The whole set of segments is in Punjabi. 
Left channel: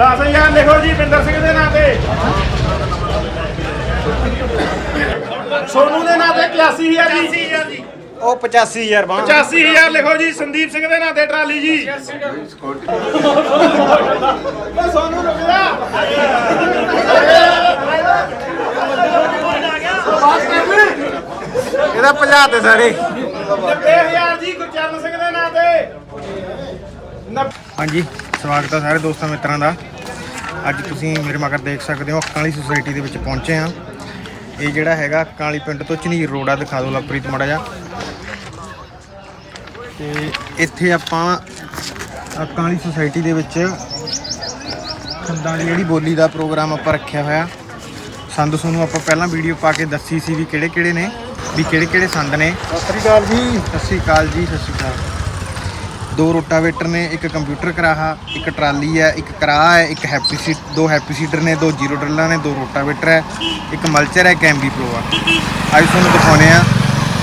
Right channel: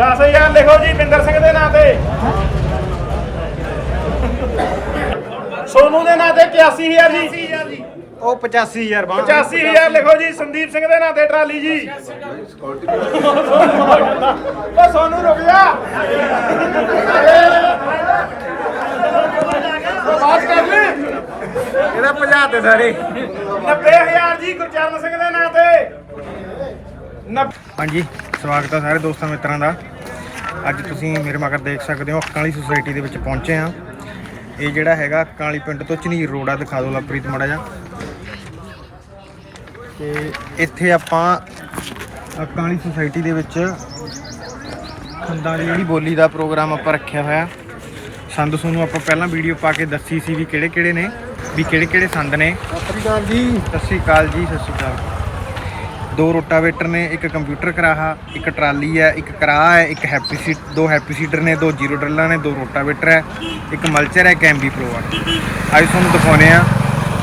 10000 ਲਿਖੋ ਜੀ ਬਿੰਦਰ ਸਿੰਘ ਦੇ ਨਾਂ ਤੇ। ਸੋਨੂ ਦੇ ਨਾਂ ਤੇ 81000 ਜੀ। 81000 ਜੀ। ਉਹ 85000 ਬਾਂ 85000 ਲਿਖੋ ਜੀ ਸੰਦੀਪ ਸਿੰਘ ਦੇ ਨਾਂ ਤੇ ਟਰਾਲੀ ਜੀ। ਉਹ ਸੋਨੂ ਰੁਕ ਜਾ। ਇਹਦਾ 50 ਤੇ ਸਾਰੇ। 90000 ਜੀ ਗੁਰਚਰਨ ਸਿੰਘ ਦੇ ਨਾਂ ਤੇ। ਹਾਂਜੀ। ਸਵਾਗਤ ਹੈ ਸਾਰੇ ਦੋਸਤਾਂ ਮਿੱਤਰਾਂ ਦਾ। ਅੱਜ ਤੁਸੀਂ ਮੇਰੇ ਮਗਰ ਦੇਖ ਸਕਦੇ ਹੋ ਅੱਕਾਂ ਵਾਲੀ ਸੁਸਾਇਟੀ ਦੇ ਵਿੱਚ ਪਹੁੰਚੇ ਆ ਇਹ ਜਿਹੜਾ ਹੈਗਾ ਅੱਕਾਂ ਵਾਲੀ ਪਿੰਡ ਤੋਂ ਝਨੀਰ ਰੋਡ ਆ ਦਿਖਾ ਦਿਓ ਲਵਪ੍ਰੀਤ ਮਾੜਾ ਜਿਹਾ। ਤੇ ਇੱਥੇ ਆਪਾਂ ਅੱਕਾਂ ਵਾਲੀ ਸੁਸਾਇਟੀ ਦੇ ਵਿੱਚ ਖੰਦਾਂ ਦੀ ਜਿਹੜੀ ਬੋਲੀ ਦਾ ਪ੍ਰੋਗਰਾਮ ਆਪਾਂ ਰੱਖਿਆ ਹੋਇਆ। ਸੰਦ ਤੁਹਾਨੂੰ ਆਪਾਂ ਪਹਿਲਾਂ ਵੀਡੀਓ ਪਾ ਕੇ ਦੱਸੀ ਸੀ ਵੀ ਕਿਹੜੇ ਕਿਹੜੇ ਨੇ ਵੀ ਕਿਹੜੇ ਕਿਹੜੇ ਸੰਦ ਨੇ। ਸਤਿ ਸ਼੍ਰੀ ਅਕਾਲ ਜੀ। ਸਤਿ ਸ਼੍ਰੀ ਅਕਾਲ ਜੀ ਸਤਿ ਸ਼੍ਰੀ ਅਕਾਲ। ਦੋ ਰੋਟਾਵੇਟਰ ਨੇ, ਇੱਕ ਕੰਪਿਊਟਰ ਕਰਾਹਾ, ਇੱਕ ਟਰਾਲੀ ਹੈ, ਇੱਕ ਕਰਾਹ ਹੈ, ਇੱਕ ਹੈਪੀ ਸੀਟ, ਦੋ ਹੈਪੀ ਸੀਟਰ ਨੇ, ਦੋ ਜ਼ੀਰੋ ਡਰਲਾਂ ਨੇ, ਦੋ ਰੋਟਾਵੇਟਰ ਹੈ, ਇੱਕ ਮਲਚਰ ਹੈ, ਇੱਕ ਐਮਬੀ ਪ੍ਰੋ ਆ ਅੱਜ ਤੁਹਾਨੂੰ ਦਿਖਾਉਨੇ ਆ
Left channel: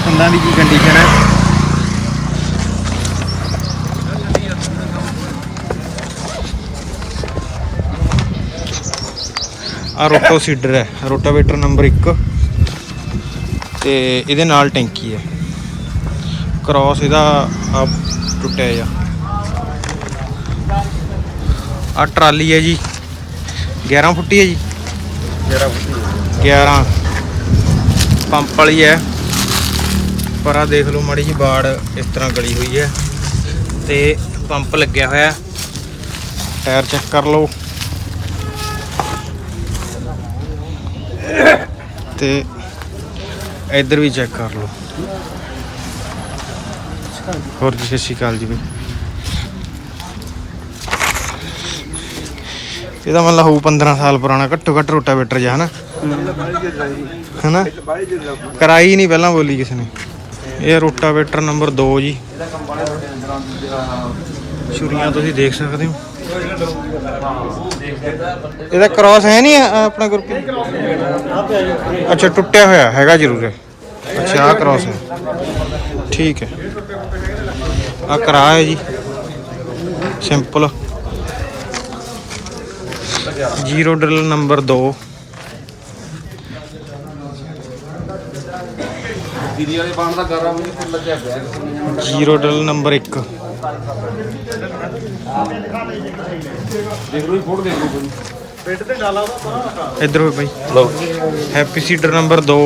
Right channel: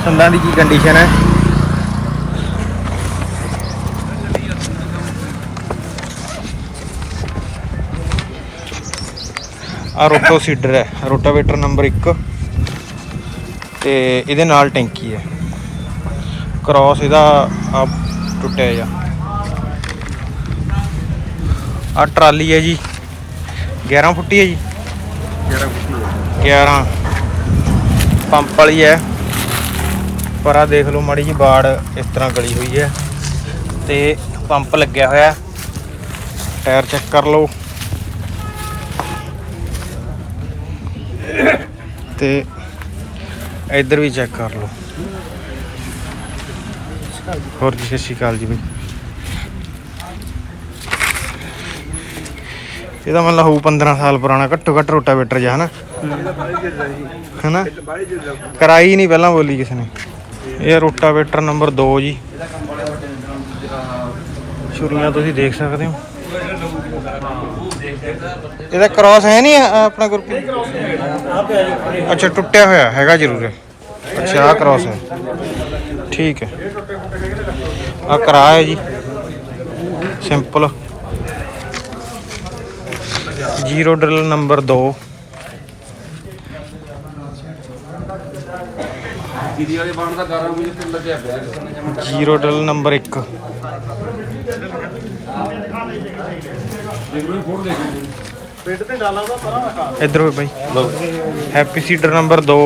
ਸੰਦਾਂ ਦੀ ਕੀ ਕੰਡੀਸ਼ਨ ਹੈ। ਆ ਰੋਟੋ ਸੀਡਰ ਹੈ, ਰੋਟਾਵੇਟਰ ਨੰਬਰ 1 ਤੇ ਇਹਦੇ ਨਾਲ ਟੈਂਕੀ ਹੈ। ਕ੍ਰਾਸ ਇਹਦਾ ਟੁੱਟਿਆ ਜਾ ਆ ਟਰਾਲੀ ਹੈ ਜੀ। 11 ਫੁੱਟੀ ਹੈ ਜੀ। 11 ਫੁੱਟੀ 11 ਪੰਪ ਵਾਲੀ ਹੈ। ਪਰ ਆ ਦੇਖ ਲਓ ਮਾੜੀ ਜੀ ਬਾੜ ਇਸ ਤਰ੍ਹਾਂ ਗਲੀ ਹੋਈ ਹੈ। ਤੇ ਪੰਪ ਲੱਗਿਆ ਹੋਇਆ। ਟਾਇਰ ਚੈੱਕ ਕਰ ਲਓ। ਤੇ ਇੱਧਰ ਵੀ ਚੈੱਕ ਕਰ ਲਓ। ਹੋਰ ਜੀ, ਸਤਿ ਸ਼੍ਰੀ ਅਕਾਲ ਜੀ ਬਈ ਇਹਦਾ ਮਤਲਬ ਹੋਊ 15 ਸਾਲ ਪੁਰਾਣਾ, ਘੱਟੋ ਘੱਟ ਰੋਟਾਵੇਟਰ ਜਿਹਾ, ਹਨਾ? ਹਨਾ? ਕਰਾਈ ਨਹੀਂ ਪਹਿਲਾਂ ਬੋਲੀ ਕਿਸੇ ਨੇ। ਇਹ ਰੋਟਾਵੇਟਰ ਨੰਬਰ 2 ਜੀ। ਛੁਰੀਆਂ ਤੁਸੀਂ ਦੇਖ ਸਕਦੇ ਹੋ। ਇਹਦਾ ਕ੍ਰਾਸ ਹੈ ਨਹੀਂ ਆਪਣਾ ਗਰੁੱਪ ਅੱਛਾ, ਟੁੱਟਿਆ ਹੋਇਆ ਹੈਗਾ ਜ਼ਰੂਰ। ਹੈ ਅੱਛਾ ਆ ਕ੍ਰਾਸ ਹੈ। ਠੀਕ ਹੈ। ਆ ਕਰਾ ਹੈ ਜੀ। Simple zero drill number 2 zero drill number 1 ਪਿੰਡ ਤੇ ਡਾਲਾ ਦਾ ਪਰਾਂ ਇੱਧਰ ਹੋਏ ਬਾਈ। ਹੈਪੀ ਸੀਡਰ ਨੰਬਰ 2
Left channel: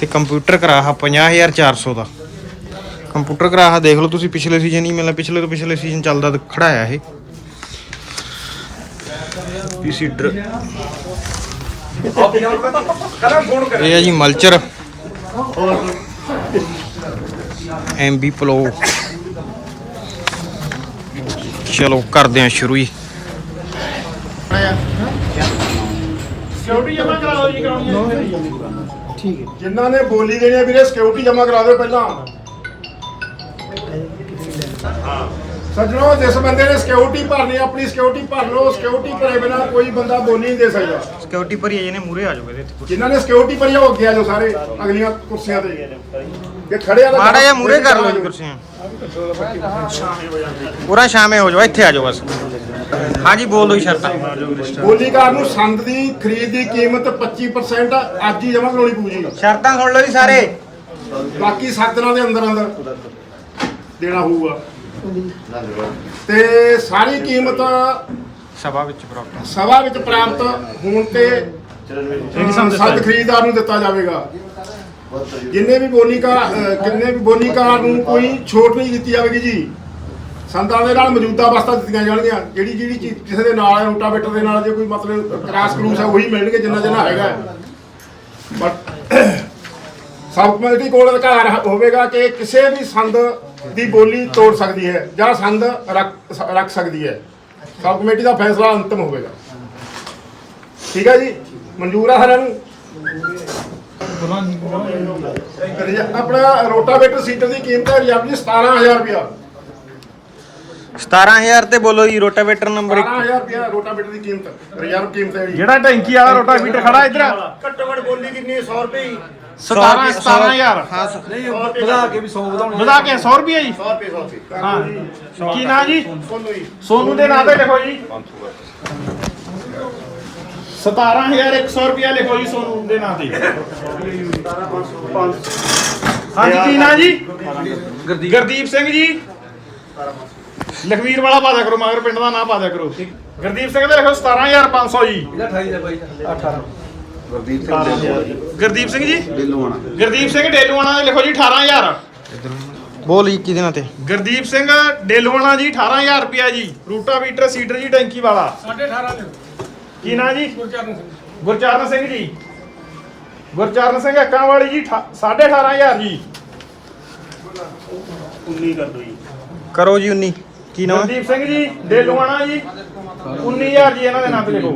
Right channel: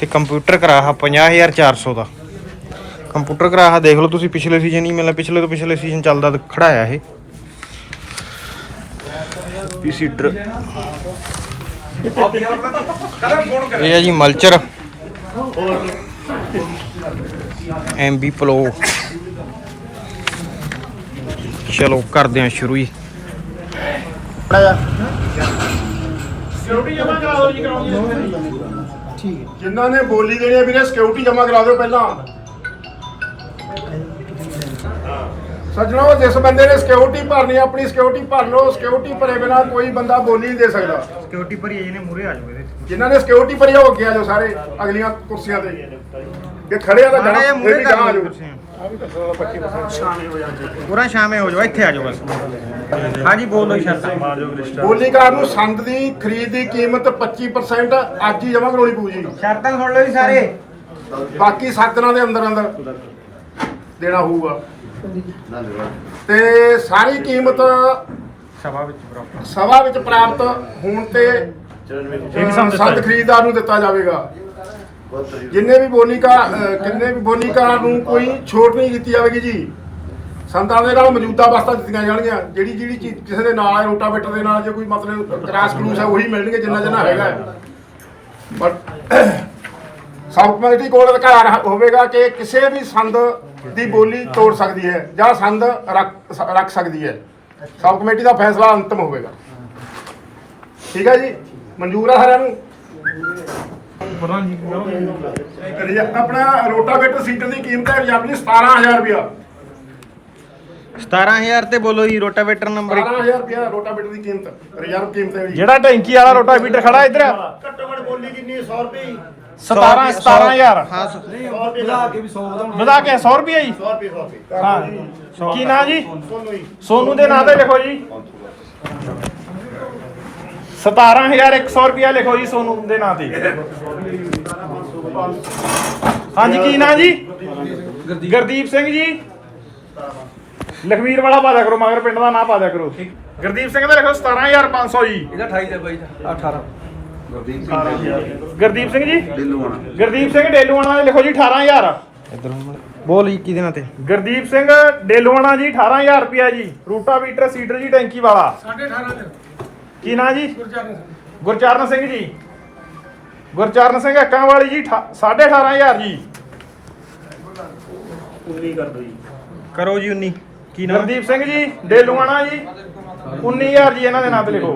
ਤੇ ਕੰਪਿਊਟਰ ਕਰਾਹਾ 50400 ਦਾ। ਕੰਪਿਊਟਰ ਕਰਾਹਾ ਦੇਖ ਲਓ ਤੁਸੀਂ ਪਿਛਲੇ ਸੀਜ਼ਨ ਹੀ ਮਿਲਿਆ ਪਿਛਲੇ ਤੋਂ ਪਿਛਲੇ ਸੀਜ਼ਨ ਚੱਲਦਾ ਤੇ ਖੜਾਇਆ ਇਹ। ਪੀ ਸੀਡਰ ਇਹ ਹੈ ਜੀ ਮਲਚਰ। ਐਮਬੀ ਪਲੋ ਚਲੋ ਕਰਦੇ ਹਾਂ ਸ਼ੁਰੂ ਹੀ। ਸਿਕਿਉਰਿਟੀ ਜਮਾ ਕਰਾ ਦਿਓ ਜੀ ਕਰਾਉਣੀ ਹੈ। ਜਿਨ੍ਹਾਂ ਨੇ ਬੋਲੀ ਦੇਣੀ ਹੈ ਵੀਰੇ ਸਿਕਿਉਰਿਟੀ ਜਮ੍ਹਾਂ ਕਰਾ ਦਿਓ ਪਹਿਲਾਂ। ਸੱਜਣੋ ਜਿਸ ਬੰਦੇ ਨੇ ਸਿਕਿਉਰਿਟੀ ਭਰਨੀ ਹੈ, ਆਪਣੀ ਸਿਕਿਉਰਿਟੀ ਭਰ ਲਓ। ਸਿਕਿਉਰਿਟੀ ਭਰੇ ਬਿਨਾ ਕੋਈ ਬੰਦਾ ਬੋਲੀ ਨਹੀਂ ਦੇ ਸਕਦਾ। ਸਿਕਿਉਰਿਟੀ ਭਰੀ ਹੈ ਜਿਹਨੇ ਮੂਰੇ ਆ ਜਾਓ ਇਹਦੇ ਤੇ ਜਿਨ੍ਹਾਂ ਨੇ ਸਿਕਿਉਰਿਟੀ ਭਰੀ ਆ ਉਹ ਅੱਗੇ ਆ ਜਾਓ ਸਾਰੇ ਅਗਲੀਆਂ ਕੁਰਸੀਆਂ ਤੇ। ਇਹ ਖੜੇ ਆ ਮਾੜਾ ਜਿਹਾ ਮੂਰੇ ਕਰ ਲਓ ਜੀ ਕੁਰਸੀਆਂ। ਪੂਰਾ ਸ਼ਾਮੇ ਹੋ ਜਾਓ ਇੱਥੇ ਆ ਜਾਓ ਬਸ। ਹਾਂਜੀ ਬੋਲ ਜੀ ਸ਼ਰਤਾਂ। ਬੋਲੀਕਾਰ ਨੂੰ ਸੰਦ ਦੀ ਖਰੀਦ ਦੀ ਕੀਮਤ 25% ਅੱਜ ਹੀ ਜਮ੍ਹਾਂ ਕਰਾਉਣੀ ਪਊ ਜੀ। ਸ਼ਰਤਾਂ ਸੁਣ ਲਓ ਜੀ ਸਾਰੇ। ਬਾਕੀ 7 ਦਿਨਾਂ ਦੇ ਅੰਦਰ ਅੰਦਰ ਦੇਣਾ ਹੋਊਗਾ। ਤੇ ਸਾਰੀ ਕੀਮਤ ਸਭਾ ਵਿੱਚ ਪ੍ਰਾਪਤ। ਸਭਾ ਵਿੱਚ ਪ੍ਰਾਪਤ ਹੋਣ ਤੇ ਸੰਦ ਖਰੀਦਦਾਰ ਨੂੰ ਦਿੱਤਾ ਜਾਵੇਗਾ। ਜਿੰਨੇ ਵੀ ਬੋਲੀਕਾਰ ਕਿੰਨੇ ਵੀ ਬੋਲੀਕਾਰ ਨੂੰ ਕੋਈ ਛੋਟ ਨਹੀਂ ਦਿੱਤੀ ਜਾਵੇਗੀ ਜੀ। ਸੰਦਾਂ ਦੇ ਨਾਲ ਮੌਜੂਦਾ ਵਸਤਾਂ ਦਿੱਤੀਆਂ ਜਾਣਗੀਆਂ। ਜਿਹੜੀ ਜਿਹੜੀ ਚੀਜ਼ ਕਿਸੇ ਦੇ ਨਾਲ ਹੈ ਰੋਟਾਵੇਟਰ ਦੇ ਨਾਲ ਜੇ ਕੋਈ ਮਤਲਬ ਕ੍ਰਾਸ ਕਲੂਸ ਹੈ ਉਹੀ ਮਿਲਣਗੇ ਜਿੰਨਾ ਜਿੰਨਾ ਹੈਗਾ। ਬਟ ਸਬ ਕਮੇਟੀ ਕੋਲ ਅਧਿਕਾਰ ਹੋਵੇਗਾ ਕਿ ਕਿਸੇ ਵੀ ਸੰਦ ਦੀ ਬੋਲੀ ਤੋੜ ਸਕਦੀ ਹੈ ਜਾਂ ਸੰਦ ਰੱਖ ਸਕਦੀ ਹੈ। ਸਬ ਕਮੇਟੀ ਦਾ ਫੈਸਲਾ ਅੰਤਮ ਹੋਵੇਗਾ। ਠੀਕ ਹੈ ਜੀ? ਮਨਜ਼ੂਰ ਆ ਸਾਰਿਆਂ ਨੂੰ? ਆਪਣਾ ਰੋਟਾਵੇਟਰ ਸੀਟਰ ਦੀ ਕੀਮਤ ਹੈ ਰਿਜ਼ਰਵ ਦੀ 17000 ਰੁਪਇਆ। 17000 ਤੇ ਬੋਲੋ ਜੀ ਰੋਟਾਵੇਟਰ ਨੰਬਰ 1 17000 ਰੁਪਇਆ ਰੋਟਾਵੇਟਰ ਦੀ ਕੀਮਤ। ਰਿਜ਼ਰਵ ਕੀਮਤ ਹੈ ਜੀ ਜਿਹੜਾ ਟੈਂਕੀ ਵਾਲਾ ਰੋਟਾ ਫੀਟਰ ਖੜਾ ਇੱਧਰ। ਘੱਟੋ ਘੱਟ ਬੋਲੀ ਕਿੰਨੀ 100 ਰੁਪਏ 17 17000 ਹਾਂ ਸੌ- ਵਧਾ ਕੇ 100 ਰੁਪਏ ਜੀ। 100 ਰੁਪਏ 100 ਰੁਪਏ। ਹਾਂ। ਕੀ ਨਾਂ ਜੀ? ਤੁਹਾਨੂੰ ਜੀ। ਸੋਨੂ ਦੇ ਨਾਂ ਤੇ ਲਿਖੋ ਜੀ। 17100 ਰੁਪਿਆ ਲਿਖੋ ਜੀ ਸੋਨੂ ਦੇ ਨਾਂ ਤੇ। ਹਾਂਜੀ ਕੀ ਨਾਂ ਜੀ? ਗੁਰਦੀਪ ਸਿੰਘ ਜੀ। ਲਖਵੀਰ ਵਾਲਾ ਪਾਦਾ ਕਰੋ ਮਗਰ ਪਿੰਡ ਦਾ ਨਾਂ ਪਾਦਾ ਕਰੋ। ਗੁਰਦੀਪ ਸਿੰਘ ਦਾ ਲਿਖੋ 17500 ਜੀ। ਗੁਰਦੀਪ ਸਿੰਘ ਜੀ? ਗੁਰਦੀਪ ਸਿੰਘ ਡੇਲੂਆਣਾ ਦਾ ਲਿਖੋ ਜੀ 18000 ਇੱਧਰ ਬੋਲ ਜੀ ਕਿਹਦੇ ਨਾਂ ਤੇ। ਗੁਰਦੀਪ ਸਿੰਘ ਡੇਲੂਆਣਾ ਜੀ 18000 ਰੁਪਿਆ ਜੀ। ਰੂਟਾਵੀਟਰ ਸੀਡਰ ਜੀ ਟੈਂਕੀ ਵਾਲਾ। ਕੀ ਨਾਂ ਜੀ? ਗੁਰਚਰਨ ਸਿੰਘ ਜੀ। ਗੁਰਚਰਨ ਸਿੰਘ ਅੱਕਾਂ ਵਾਲੀ ਜੀ 18500 ਜੀ। ਕਰੋ ਜੀ। 19 ਕੀ ਨਾਮ ਹੈ? ਗੁਰਦੀਪ ਸਿੰਘ ਜੀ ਡੇਲੂਆਣਾ ਜੀ। 19000 ਜੀ ਇਹਨਾਂ ਦੇ ਨਾਂ ਤੇ ਲਿਖੋ।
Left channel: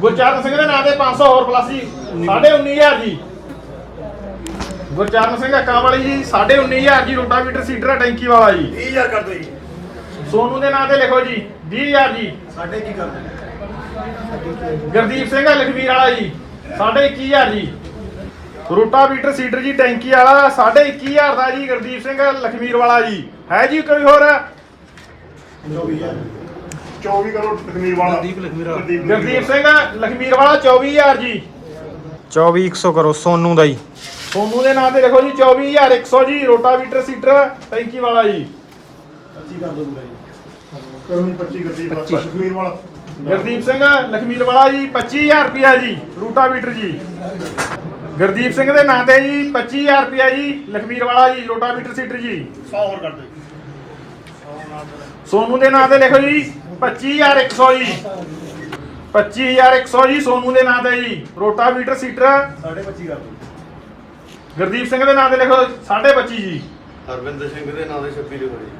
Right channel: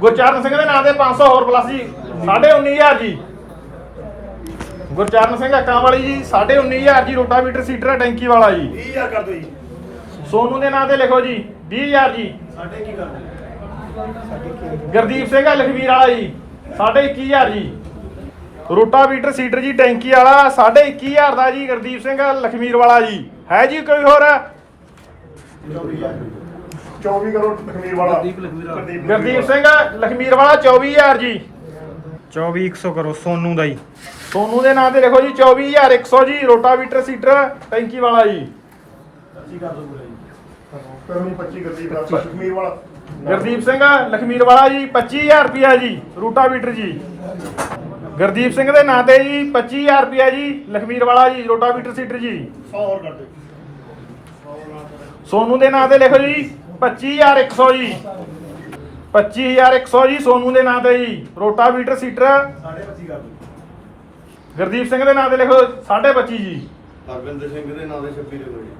ਗੁਰਚਰਨ ਸਿੰਘ ਦੇ ਨਾਂ ਤੇ 500 ਹੋਰ ਪਲੱਸ ਜੀ। 19500 ਜੀ। ਗੁਰਚਰਨ ਸਿੰਘ ਅੱਕਾਂ ਵਾਲੀ ਜੀ 19500 ਜੀ ਰੋਟਾਵੀਟਰ ਸੀਡਰ ਟੈਂਕੀ ਵਾਲਾ ਜੀ। 30000 ਕਰ ਦਿਓ ਜੀ। ਸੋਨੂ ਦੇ ਨਾਂ ਤੇ ਲਿਖੋ ਜੀ 20000 ਜੀ। ਸਾਡੇ ਕੀ ਕਰਦੇ ਗੁਰਦੀਪ ਸਿੰਘ ਲਖਵੀਰ ਵਾਲਾ ਜੀ। 21500 ਜੀ। ਰੋਟਾਵੀਟਰ ਸੀਡਰ ਜੀ ਟੈਂਕੀ ਵਾਲਾ 21500 ਦਾ ਜੀ ਗੁਰਦੀਪ ਸਿੰਘ ਲਖਮੀਰ ਵਾਲਾ ਜੀ। ਹੈ ਜੀ ਕੋਈ ਹੋਰ? 24 ਕਰੋ ਤਕਮੀਰ ਵਾਲਾ। ਗੁਰਦੀਪ ਲਖਮੀਰ ਗੁਰਦੀਪ ਸਿੰਘ ਲਖਮੀਰ ਵਾਲਾ 24000 ਜੀ। 24100 ਕਰੋ ਸੋਨੂ ਦਾ ਜੀ। ਸੋਨੂ ਦੇ ਨਾਂ ਤੇ ਲਿਖੋ ਜੀ 24100 ਜੀ ਰੋਟਾਵੀਟਰ ਸੀਡਰ ਟੈਂਕੀ ਵਾਲਾ ਜੀ। ਕਰੋ ਜੀ। 25 ਗੁਰਦੀਪ ਦਾ ਤਕਮੀਰ ਵਾਲਾ। ਗੁਰਦੀਪ ਸਿੰਘ ਲਖਮੀਰ ਵਾਲਾ ਜੀ 25000 ਰੁਪਿਆ ਜੀ ਰੋਟਾਵੀਟਰ ਜੀ। ਗੁਰਦੀਪ ਸਿੰਘ ਦੇ ਨਾਂ ਤੇ ਜੀ 25000 ਰੁਪਿਆ ਜੀ ਲਖਮੀਰ ਵਾਲਾ ਜੀ ਰੋਟਾਵੀਟਰ ਸੀਡਰ ਜੀ। 100 ਹੋਰ ਕਰ ਦਿਓ। ਸੋਨੂ ਦੇ ਨਾਂ ਤੇ ਲਿਖੋ ਜੀ 25100 ਜੀ। 25100 ਜੀ ਸੋਨੂ ਦੇ ਨਾਂ ਤੇ ਜੀ ਰੋਟਾਵੀਟਰ ਸੀਟਰ। 25 ਕਰ ਦਿਓ। ਗੁਰਦੀਪ ਸਿੰਘ ਦੇ ਨਾਂ ਤੇ ਲਿਖੋ 25 ਜੀ। ਹਰਵਿੰਦਰ ਸਿੰਘ ਦੇ ਨਾਂ ਦੇ 26 ਲਿਖੋ ਜੀ।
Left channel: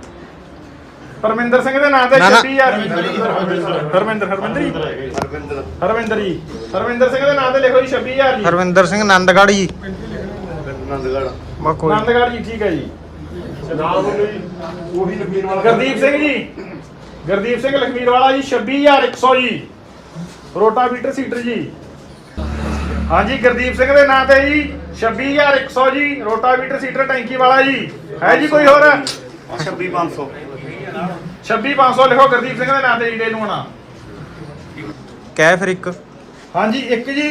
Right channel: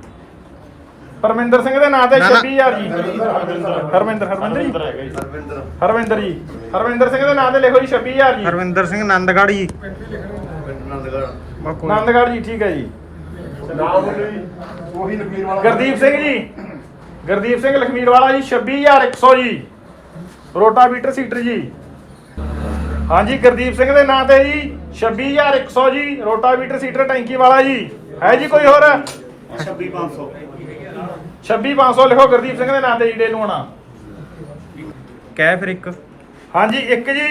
ਪਰਮਿੰਦਰ ਸਿੰਘ ਦੇ ਨਾਂ ਤੇ ਨਾ, ਨਾ। 26000 ਜੀ ਹਰਮਿੰਦਰ ਹਰਮਿੰਦਰ ਜੀ। ਹਰਵਿੰਦਰ ਹਰਮਿੰਦਰ ਜੀ। ਹਰਮਿੰਦਰ ਸਿੰਘ ਦੇ ਨਾਂ ਤੇ ਲਿਖੋ ਜੀ 26000 ਜੀ। ਹਰਵਿੰਦਰ ਸਿੰਘ ਨੰਦਗੜ੍ਹ ਜੀ। ਨੰਦਗੜ ਬਾ ਕੋਈ ਆਨੰਦਗੜ੍ਹ ਜੀ ਠੀਕ ਹੈ ਜੀ। ਗੁਰਦੀਪ ਸਿੰਘ ਜੀ। ਗੁਰਦੀਪ ਸਿੰਘ ਲਖਮੀਰ ਵਾਲਾ ਜੀ 26100 ਜੀ। ਰੋਟਾਵੀਟਰ ਸੀਟਰ ਜੀ। ਹਾਂਜੀ ਗੁਰਦੀਪ ਸਿੰਘ ਦੇ ਨਾਂ ਤੇ ਜੀ 26100 ਜੀ। ਰੋਟਾਵੀਟਰ ਸੀਟਰ ਟੈਂਕੀ ਵਾਲਾ ਜੀ। ਹੈ ਜੀ ਕੋਈ ਹੋਰ? 26500 26500 ਲਿਖੋ ਗੁਰਦੀਪ ਸਿੰਘ ਦੇ ਨਾਂ ਤੇ ਈਡੇ ਨੂੰ ਆਣਾ ਕਹਿ ਫਿਰ ਇੱਕ। ਹਾਂਜੀ ਇੱਕ ਜੀ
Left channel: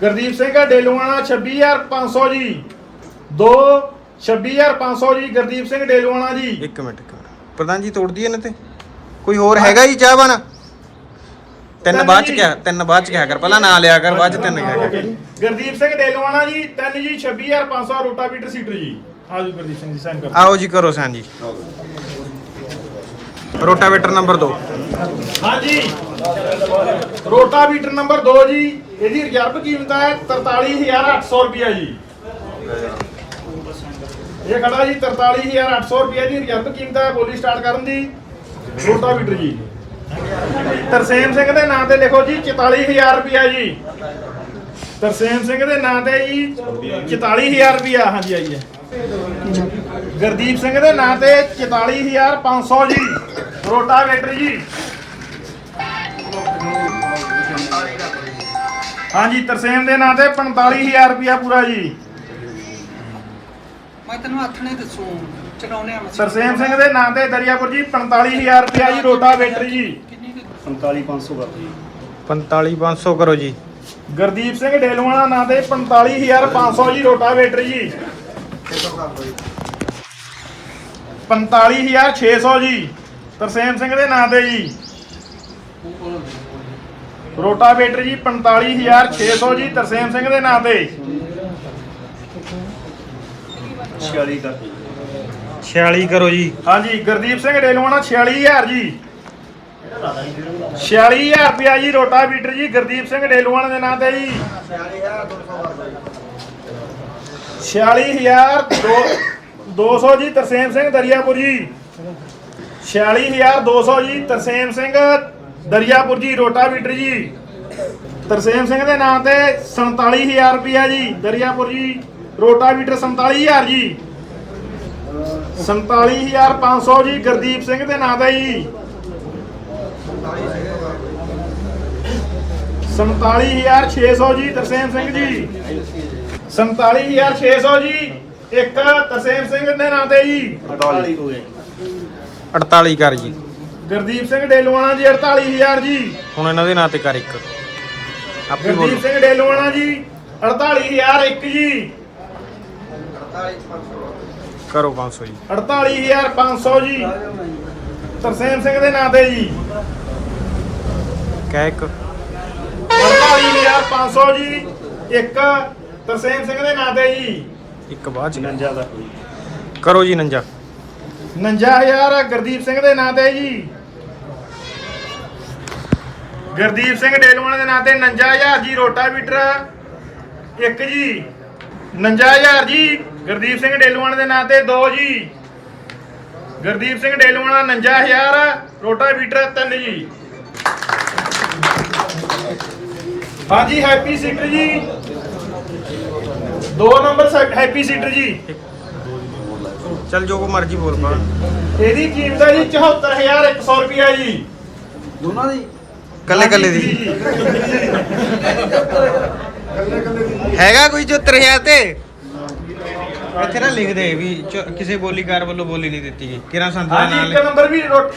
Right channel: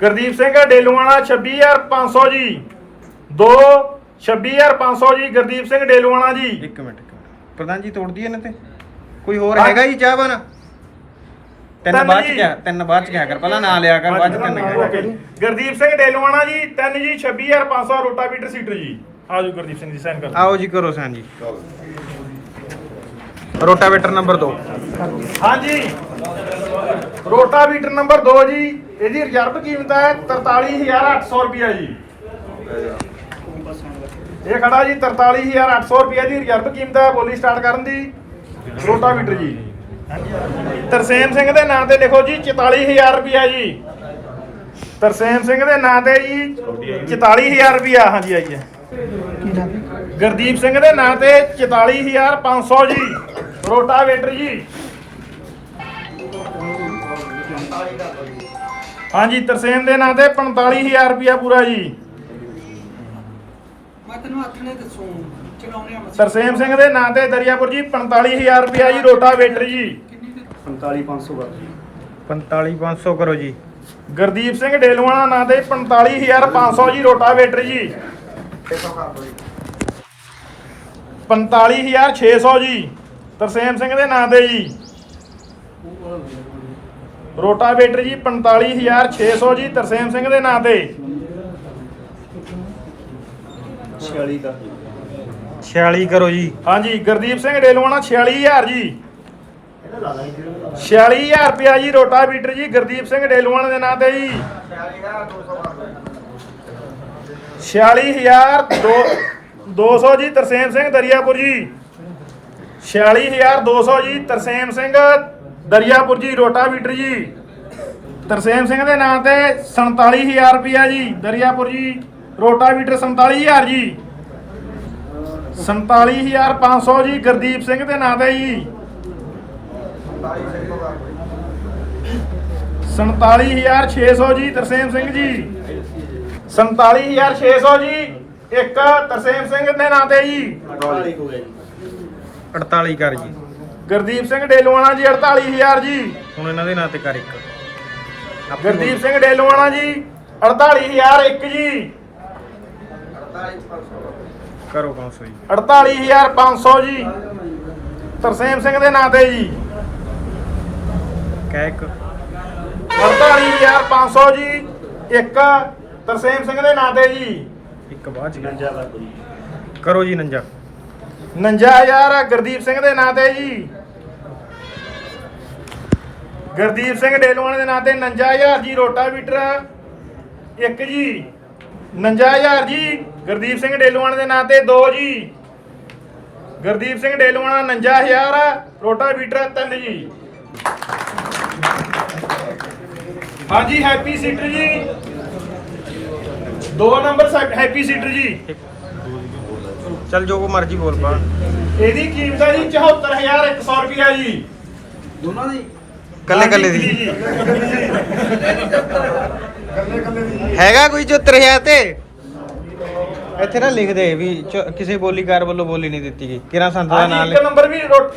ਗੁਰਦੀਪ ਸਿੰਘ ਡੇਲੂਆਣਾ 26500 ਜੀ। ਦੋ 26500 ਜੀ ਗੁਰਦੀਪ ਸਿੰਘ ਡੇਲੂਆਣਾ ਜੀ। ਇੱਕ ਮਿੰਟ ਇੱਕ ਮਿੰਟ। ਪ੍ਰਧਾਨ ਜੀ ਤੋੜਦੀ ਇਹਨਾਂ ਤੇ। ਕੋਈ ਹੋਰ ਹੈਗਾ ਜੀ ਚਾਹ ਬਣ ਤਿੰਨ ਬਾਅਦ ਚ। ਕਿਹਾ ਤਿੰਨ ਬਾਅਦ ਚ ਕਿਹਾ ਕਰ? ਪਹਿਲਾਂ ਨਾਂ ਲਿਆ ਕਰ ਬਾਅਦ ਚ ਤਿੰਨ ਕਿਹਾ ਕਰ? ਗੁਰਦੀਪ ਸਿੰਘ ਡੇਲੂਆਣਾ ਜੀ ਤਿੰਨ ਜੀ 26500 ਰੋਟਾਵੀਟਰ ਸੀਟਰ ਜੀ। ਆਜੋ ਗੁਰਦੀਪ ਸਿੰਘ ਜੀ ਸਾਈਨ ਕਰੋ। ਆਓ ਜੀ ਕਰੋ ਸਾਂ ਜੀ। ਰੋਟਾਵੇਟਰ ਨੰਬਰ 2 ਹਾਂਜੀ। ਰੋਟਾਵੀਟਰ ਨੰਬਰ 2 ਜੀ। ਇਹਦੀ ਰਿਜ਼ਰਵ ਕੀਮਤ ਹੈ 43800 ਰੁਪਿਆ ਜੀ। ਇਹ ਖੜਾ ਜੀ 43800 ਰੁਪਿਆ ਦੀ ਰਿਜ਼ਰਵ ਕੀਮਤ ਹੈ ਬੋਲੀ ਸਟਾਰਟ ਕਰਨ ਦੀ। ਰੋਟਾਵੀਟਰ ਜੀ। ਤਰਸੇਮ ਸਿੰਘ ਦੇ ਨਾਂ ਤੇ ਲਿਖੋ ਜੀ 44000 ਰੁਪਿਆ ਜੀ। ਤਰਸੇਮ ਸਿੰਘ ਦੇ ਨਾਂ ਤੇ ਜੀ 44000 ਰੁਪਿਆ ਹਾਂਜੀ ਆਈਏ। ਗੁਰਦੀਪ ਸਿੰਘ ਦੇ ਨਾਂ ਤੇ 44500 ਜੀ। ਰੋਟਾਵੇਟਰ ਜੀ। ਹਾਂਜੀ ਤਰਸੇਮ ਦੇ ਨਾਂ ਤੇ 45000 ਰੁਪਿਆ ਪੂਰਾ ਜੀ। ਮੈਂ ਤੈਨੂੰ ਹੱਥ ਨਹੀਂ ਦੱਸੂ ਚਲਾਉਣੇ ਆ ਮਸੀਂ ਤਰਸੇਮ ਸਿੰਘ ਦੇ ਨਾਂ ਤੇ ਦਰਿਆਪੁਰ ਜੀ 45000 ਰੁਪਿਆ ਜੀ ਰੋਟਾਵੇਟਰ ਜੀ। ਕਿੰਨੀ ਕੁ 45500 ਕਰ ਜੀ। 45500 ਕਰੋ ਜੀ। ਗੁਰਦੀਪ ਸਿੰਘ ਡੇਲੂਆਣਾ ਨਾਂ ਤੇ 45500 ਜੀ ਰੋਟਾਵੇਟਰ ਜੀ। 45600 ਜੀ। ਤਰਸੇਮ ਸਿੰਘ ਦੇ ਨਾਂ ਤੇ ਜੀ। ਰੋਟਾਵੇਟਰ ਜੀ 45600 ਜੀ ਤਰਸੇਮ ਸਿੰਘ ਦੇ ਨਾਂ ਤੇ। 46 ਕਰ 46 ਕਰੋ ਜੀ। ਹਾਂਜੀ ਗੁਰਦੀਪ ਸਿੰਘ ਡੇਲਵਾਣਾ 46000 ਜੀ। 46000 ਰੁਪਿਆ ਜੀ ਰੋਟਾਵੀਟਰ ਜੀ ਗੁਰਦੀਪ ਸਿੰਘ ਡੇਲਵਾਣਾ ਦੇ ਨਾਂ ਤੇ ਜੀ। 46200 200 ਜੀ ਤਰਸੇਮ ਸਿੰਘ ਦਰਿਆਪੁਰ ਜੀ। 46200 ਜੀ, ਤਰਸੇਮ ਸਿੰਘ, ਦਰਿਆਪੁਰ ਜੀ, ਰੋਟਾਵੀਟਰ ਜੀ। ਤਰਸੇਮ ਸਿੰਘ ਦੇ ਨਾਂ ਤੇ 47000 ਰੁਪਿਆ ਜੀ, ਦਰਿਆਪੁਰ ਜੀ, ਰੋਟਾਵੀਟਰ 47000 ਜੀ। 47500 ਜੀ, ਗੁਰਦੀਪ ਸਿੰਘ ਦੇ ਨਾਂ ਤੇ ਜੀ। 47600 ਜੀ, ਤਰਸੇਮ ਸਿੰਘ ਜੀ। 47600 ਜੀ, ਇੱਕ ਤਰਸੇਮ ਸਿੰਘ ਦੇ ਨਾਂ ਤੇ ਜੀ। 48 ਹੋ ਗਏ 48 ਕਰ ਜੀ। ਗੁਰਦੀਪ ਸਿੰਘ ਡੇਲਵਾਣਾ ਜੀ 48000 ਜੀ। ਹੁਣ ਇਹਨਾਂ ਦੇ ਨਾਂ ਤੇ ਕਰ ਇੱਕ। ਆਪੇ ਗੁਰਦੀਪ ਸਿੰਘ ਡੇਲਵਾਣਾ ਜੀ 48000 ਇੱਕ ਜੀ। ਕਰੋ 500 ਜੀ। 48500 ਜੀ। ਤਰਸੇਮ ਸਿੰਘ ਦੇ ਨਾਂ ਤੇ ਜੀ। ਕਹਿ ਇੱਕ। 48500 ਜੀ ਇੱਕ ਤਰਸੇਮ ਸਿੰਘ ਦੇ ਨਾਂ ਤੇ ਜੀ। ਇੱਕ ਬਾਅਦ ਚ। 49 ਦਾ ਕੋਈ। ਕਰੋ ਜੀ 49 59000 ਗੁਰਦੀਪ ਸਿੰਘ ਦੇ ਨਾਂ ਤੇ ਜੀ। ਗੁਰਦੀਪ ਸਿੰਘ ਡੇਲਵਾਣੇ ਦੇ ਨਾਂ ਤੇ 59000 ਜੀ, ਰੋਟਾਵੀਟਰ। ਇੱਕ ਜੀ 59000 ਜੀ, ਗੁਰਦੀਪ ਸਿੰਘ ਡੇਲਵਾਣੇ ਦੇ ਨਾਂ ਤੇ ਦੋ ਜੀ। ਗੁਰਦੀਪ ਸਿੰਘ ਡੇਲਵਾਣਾ 59000 ਰੋਟਾਵੀਟਰ ਤਿੰਨ ਜੀ। ਹਾਂਜੀ, ਹੈਪੀ ਸੀਟਰ ਜੀ। ਦੋ ਨੰਬਰ ਹੈਪੀ ਸੀਟਰ ਜੀ। ਚੱਲ ਜੋ ਕੋ ਮਰਜ਼ੀ ਬੋਲ ਪਾ। ਇਹਦੀ ਕੀਮਤ ਹੈ ਜੀ 74100 ਰੁਪਿਆ ਜੀ। ਦੋਨਾਂ ਦੀ? ਕੱਲੇ ਕੱਲੇ ਦੀ। ਹੈਗਾ ਕੋਈ 74000 ਤੇ? ਇੱਥੇ ਨਾ ਲਿਖ ਦੇ ਵੀ ਚ- ਕਿਸੇ ਬੋਲੀਕਾਰ ਵੱਲੋਂ ਬੋਲੀ ਨਹੀਂ ਦਿੱਤੀ ਗਈ। ਕਿਰਾਂ ਸੰਤ ਦਾ ਨਾਮ ਹਾਂਜੀ ਲਿਖ ਇੱਕ ਨੰਬਰ ਵੀ ਰੋਟ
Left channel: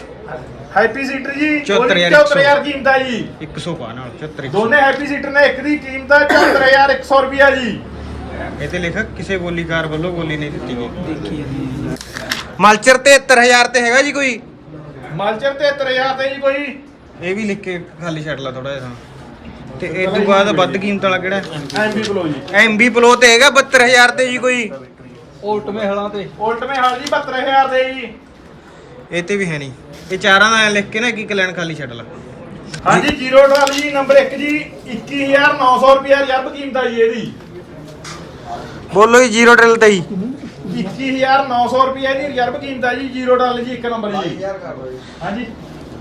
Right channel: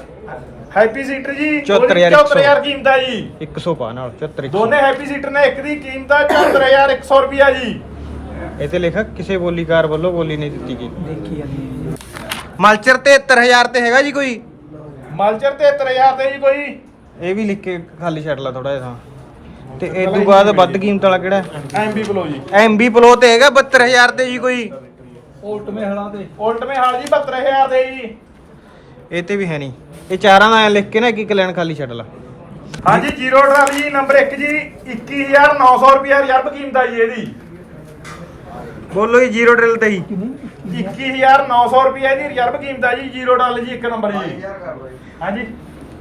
ਹੈਪੀ ਸੀਟਰ ਜੀ 74,100 74000 ਕੀਮਤ ਹੈ ਜੀ। 100 ਪਾ ਨਾਲ 74 ਦੋਨੇ ਹੈਪੀ ਸੀਟਰ ਨੇ ਇੱਕ ਦੀ ਕੀਮਤ ਹੈ 74100 ਰੁਪਿਆ ਜੀ। ਇਹ ਤੇ ਲਿਖ ਕਿਸੇ ਬੋਲੀਕਾਰ ਵੱਲੋਂ ਬੋਲੀ ਨਹੀਂ ਦਿੱਤੀ ਗਈ। ਮਲਚਰ 73000 ਤੇ ਹੈਗਾ ਜੀ ਕੋਈ? ਮਾਲਚਰ 73000 ਤੇ ਜੀ ਕੋਈ। ਇਹ ਵੀ ਲਿਖ ਕੇ ਖਾਲੀ ਛੱਡ ਲਾ ਥੋੜਾ ਜਿਹਾ। ਤੇ ਇਸ ਤੋਂ ਬਾਅਦ ਵੱਧ ਕੀਮਤ ਵਾਲਾ ਕਿਹੜਾ? ਐਮਬੀ ਬਲੋ ਜੀ। ਐਮਬੀ ਪਲੋ ਤੇ ਹੈਗਾ 72000 ਤੇ ਜੀ ਕੋਈ? ਉਲਟ ਮੇ ਹਲਾ ਤੇ। ਉਲਟਵੇਂ ਹਾਲ ਜੀ 72000 ਦੇ ਜੀ। ਇਹ ਤੇ ਵੀ ਹੈ ਨਹੀਂ। ਇਹ ਚਾਰਾਂ ਦਾ ਐਂ ਲਿਖ ਕੇ ਨਾ ਇੱਕ ਇੱਕ ਲਾਈਨ ਖਾਲੀ ਛੱਡ ਲਾ। ਹਾਂਜੀ ਜੀਰੋ ਡਰਾਈਵ ਜੀ ਨੰਬਰ 1 ਜੀ 21900 ਰੁਪਿਆ ਰਿਜ਼ਰਵ ਕੀਮਤ ਹੈ ਜੀ ਇਹਦੀ। ਬੋਲੋ ਜੀ ਜ਼ੀਰੋ ਡਰਿਲ ਤੇ ਹੀ 21900 ਰੁਪਿਆ ਦੀ ਰਿਜ਼ਰਵ ਕੀਮਤ ਹੈ ਜੀ ਜੀਰੋ ਡਾਲ ਜੀ ਇੱਕ ਨੰਬਰ ਜੀ। ਹਾਂਜੀ।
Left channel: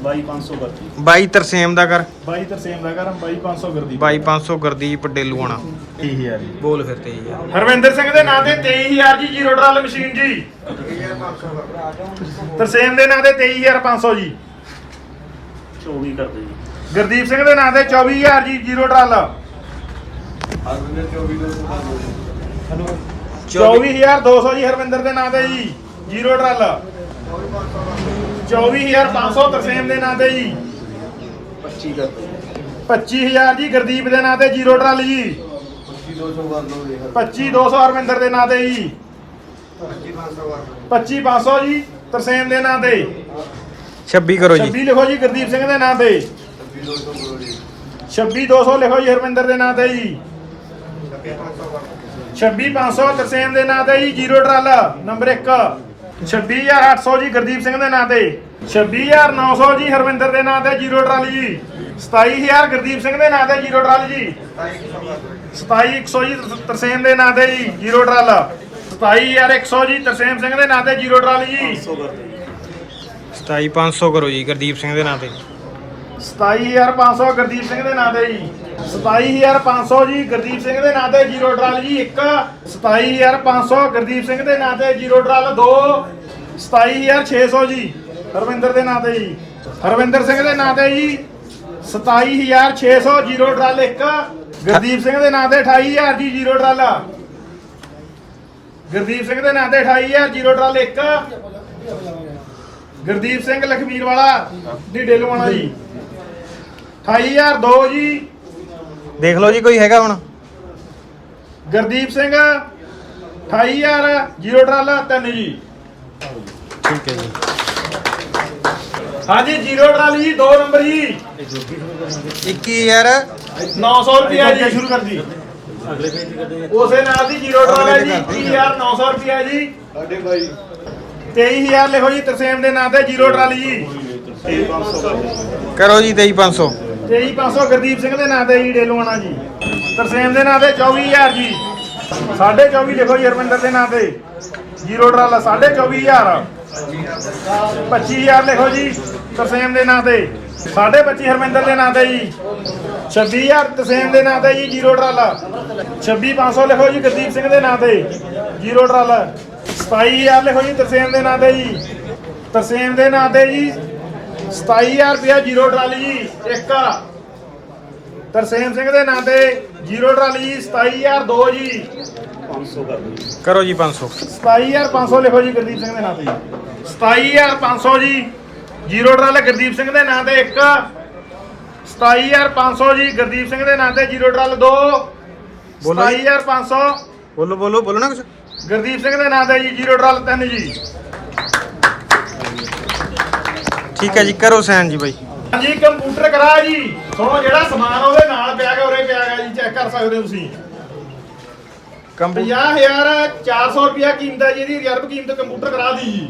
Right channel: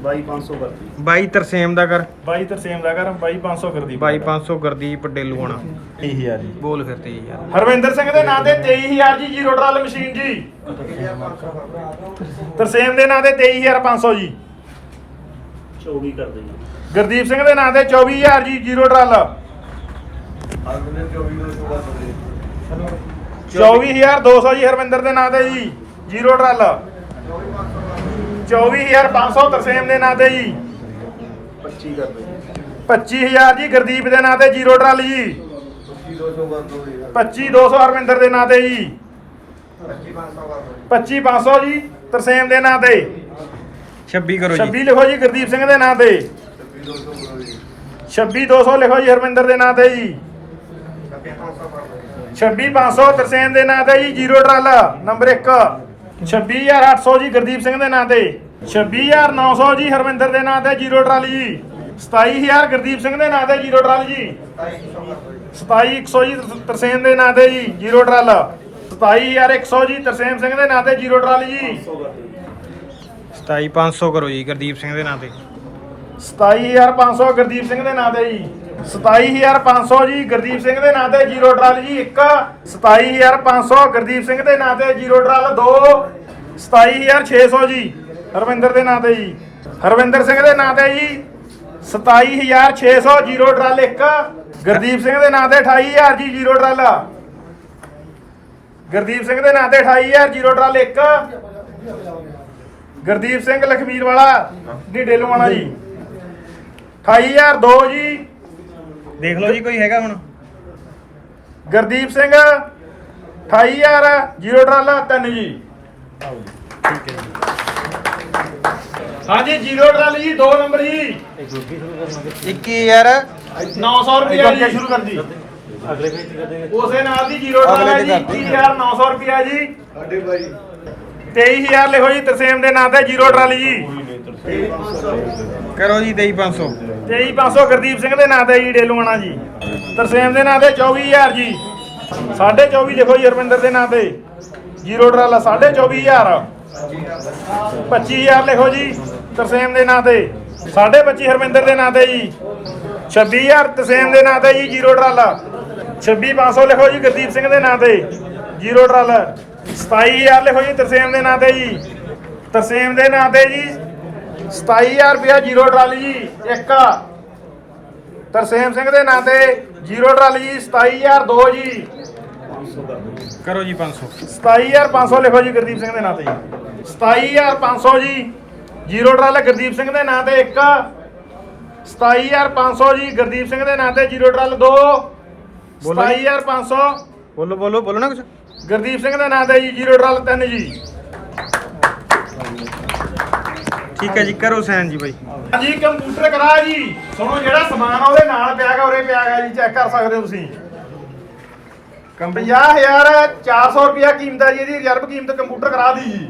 22500 ਕਰਤੀ 22 ਤਰਸੇਮ ਦਾ ਕਰ। 22 ਤਰਸੇਮ ਦਾ ਕਰ 22500 ਗੁਰਦੀਪ 22500 ਗੁਰਦੀਪ ਡੇਲੂਆਣਾ 23000 ਬੋਲ ਫਿਰ ਤੇ ਜੀ ਯਾਰ ਹਰਵਿੰਦਰ ਸਿੰਘ ਦੇ ਨਾਂ ਤੇ 23000 ਜੀ ਜੀਰੋ ਡਾਲ ਮਸ਼ੀਨ ਜੀ। ਤਰਸੇਮ ਦੇ ਨਾਂ ਤੇ 23500 ਜੀ। 24 ਕਰ ਦੇ ਗੁਰਦੀਪ ਸਿੰਘ ਦੇ ਨਾਂ ਤੇ 24000 ਜੀ ਜੀਰੋ ਡਾਲ 24200 ਜੀ ਹਰਵਿੰਦਰ ਦੇ ਨਾਂ ਤੇ ਜੀ ਜੀਰੋ ਡਾਲ 24500 ਤਰਸੇਮ ਦੇ ਨਾਂ ਤੇ ਜੀ। 25 ਕਰ ਦੇ 25000 ਜੀ ਗੁਰਦੀਪ ਦੇ ਨਾਂ ਤੇ ਜੀਰੋ ਡਾਲ ਜੀ। 25200 ਹਰਵਿੰਦਰ ਦੇ ਨਾਂ ਤੇ ਜੀ। 25500 ਜੀ ਤਰਸੇਮ ਦੇ ਨਾਂ ਤੇ। 26 ਕਰੋ ਜੀ। 26 ਲਿਖੋ ਜੀ ਗੁਰਦੀਪ ਸਿੰਘ ਦੇ ਨਾਂ ਤੇ। 26200 ਲਿਖੋ ਜੀ ਹਰਵਿੰਦਰ ਦੇ ਨਾਂ ਤੇ ਜੀ। 26500 ਤਰਸੇਮ ਦੇ ਨਾਂ ਤੇ ਜੀ, ਜੀਰੋ ਡਾਲ ਨੰਬਰ 1 26800 ਜੀ, ਗੁਰਦੀਪ ਸਿੰਘ ਦੇ ਨਾਂ ਤੇ। 26900 ਜੀ, ਹਰਵਿੰਦਰ ਦੇ ਨਾਂ ਤੇ, ਜੀਰੋ ਡਾਲ ਜੀ। 27000 ਗੁਰਦੀਪ ਸਿੰਘ ਦੇ ਨਾਂ ਤੇ, ਜੀਰੋ ਡਾਲ ਜੀ। 27100 ਜੀ, ਤਰਸੇਮ ਦੇ ਨਾਂ ਤੇ ਜੀ, ਜੀਰੋ ਡਾਲ 27100 ਜੀ, ਤਰਸੇਮ ਸਿੰਘ ਦੇ ਨਾਂ ਤੇ, ਜੀਰੋ ਡਾਲ ਜੀ। 100 ਕਰ ਦੇ 27500 ਕਰੋ ਜੀ, ਗੁਰਦੀਪ ਸਿੰਘ ਦੇ ਨਾਂ ਤੇ। 27500 ਗੁਰਦੀਪ ਸਿੰਘ ਦੇ ਨਾਂ ਤੇ ਜੀ। 27500 ਜੀ ਗੁਰਦੀਪ ਸਿੰਘ ਦੇ ਨਾਂ ਤੇ ਜੀਰੋ ਡਰਾਲ ਜੀ 1 27500 ਗੁਰਦੀਪ ਸਿੰਘ ਦੇ ਨਾਂ ਤੇ ਜੀਰੋ ਡਰਾਲ 2 27600 ਜੀ ਹਰਵਿੰਦਰ ਦੇ ਨਾਂ ਤੇ ਜੀ। ਹਰਵਿੰਦਰ ਸਿੰਘ ਦੇ ਨਾਂ ਤੇ ਜੀ 27600 ਜੀਰੋ ਡਰਾਲ 1 ਗੁਰਦੀਪ ਸਿੰਘ ਦੇ ਨਾਂ ਤੇ 28000 ਜੀ ਜੀਰੋ ਡਰਾਲ। ਗੁਰਦੀਪ ਸਿੰਘ ਦੇ ਨਾਂ ਤੇ 28000 ਜੀਰੋ ਡਰਾਲ 1 ਗੁਰਦੀਪ ਸਿੰਘ ਲਖਵੀਰ ਵਾਲਾ ਦੀ ਡੇਲਵਾਣਾ ਜੀ। 28002 ਜੀ। ਦੇਖ ਲਓ ਜੀ ਕੋਈ ਹੈਗਾ ਹੁਣ। ਗੁਰਦੀਪ ਸਿੰਘ 28000 ਜੀਰੋ ਡਰਾਲਾ ਤਿੰਨ ਜੀ। ਠੀਕ ਹੈ ਜੀ। ਹਾਂਜੀ ਜੀਰੋ ਡਰਾਲ ਜੀ 2 ਨੰਬਰ ਜੀ। 21000 900 ਰੁਪਿਆ ਜੀ। ਸ਼ੁਰੂ ਕਰ ਜੀ ਉਸੇ ਨਾਲ ਦੀ ਜੀਰੋ ਡਰਾਲ ਅਗਲੇ ਜੀ ਤੇ ਕਰਦੇ 21900 ਰੁਪਿਆ ਜੀ। 23000 ਲਿਖੋ ਜੀ ਤਰਸੇਮ ਦੇ ਨਾਂ ਤੇ ਜੀਰੋ ਡਰਾਲ ਜੀ। ਕਰੋ ਜੀ 23500 23500 ਗੁਰਦੀਪ ਸਿੰਘ ਦੇ ਨਾਂ ਤੇ ਜੀ ਡੇਲਵਾਣਾ ਜੀ। ਤਰਸੇਮ ਦੇ ਨਾਂ ਤੇ 24000 ਜੀ। 24 ਲਿਖੋ ਜੀ ਹਰਮਿੰਦਰ ਦੇ ਨਾਂ ਤੇ। ਜੀਰੋ ਡਰਾਲਾ 24000 25000 ਲਿਖੋ ਜੀ, ਤਰਸੇਮ ਦੇ ਨਾਂ ਤੇ। 25 ਹਰਮਿੰਦਰ ਦੇ ਨਾਂ ਤੇ ਜੀ। 26000 ਤਰਸੇਮ ਦੇ ਨਾਂ ਤੇ ਜੀ, ਜੀਰੋ ਡਰਾਲਾ 26500 ਲਿਖੋ ਜੀ, ਗੁਰਦੀਪ ਸਿੰਘ ਦੇ ਨਾਂ ਤੇ। ਜੀਰੋ ਡਰਾਲਾ 27000 ਲਿਖੋ ਜੀ, ਤਰਸੇਮ ਦੇ ਨਾਂ ਤੇ ਜੀ। ਤਰਸੇਮ ਦੇ ਨਾਂ ਤੇ ਜੀ 27000 ਰੁਪਇਆ ਜੀਰੋ ਟਰਾਲੀ ਜੀ ਇੱਕ। ਤਰਸੇਮ ਸਿੰਘ ਦੇ ਨਾਂ ਤੇ ਜੀਰੋ ਟਰਾਲੀ ਜੀ 27002 ਜੀ। 500 ਕਰ ਦਿਓ ਜੀ ਕਰੋ ਜੀ 500 27500 ਲਿਖੋ ਜੀ ਗੁਰਦੀਪ ਸਿੰਘ ਦੇ ਨਾਂ ਤੇ 27500 ਜੀ ਜੀਰੋ ਡਰਾਲ ਗੁਰਦੀਪ ਸਿੰਘ ਦੇ ਨਾਂ ਤੇ 1 27500 ਜੀ ਗੁਰਦੀਪ ਸਿੰਘ ਦੇ ਨਾਂ ਤੇ ਜੀਰੋ ਡਰਾਲ 2 ਬੋਲੋ ਜੀ। 27500 ਬੋਲੋ ਬੋਲੋ ਬੋਲੋ ਨਾ ਕੁਝ ਗੁਰਦੀਪ ਸਿੰਘ ਦੇ ਨਾਂ ਤੇ ਜੀ ਜੀਰੋ ਡਰਾਲ 3 ਜੀ। ਠੀਕ ਹੈ ਜੀ ਕਰੋ ਸਾਈਨ ਜੀ ਬਾਈ। ਹਾਂਜੀ ਕੰਪਿਊਟਰ ਕਰਾ ਜੀ। ਸੁਣੋ ਜਿਹੜਾ ਸਮਾਨ ਆ ਉਹਦੇ ਨਾਲ ਪਿਆ ਗਾ ਉਰੇ ਪਿਆ ਗਾ ਜੀ ਚੈੱਕ ਕਰ ਸਕਦੇ ਹੋ ਤੁਸੀਂ। 50400 ਰੁਪਿਆ ਕੀਮਤ ਹੈ ਜੀ ਇਹਦੀ ਰਿਜ਼ਰਵ ਕੀਮਤ ਕੰਪਿਊਟਰ ਕਰਾ ਦੀ ਜੀ।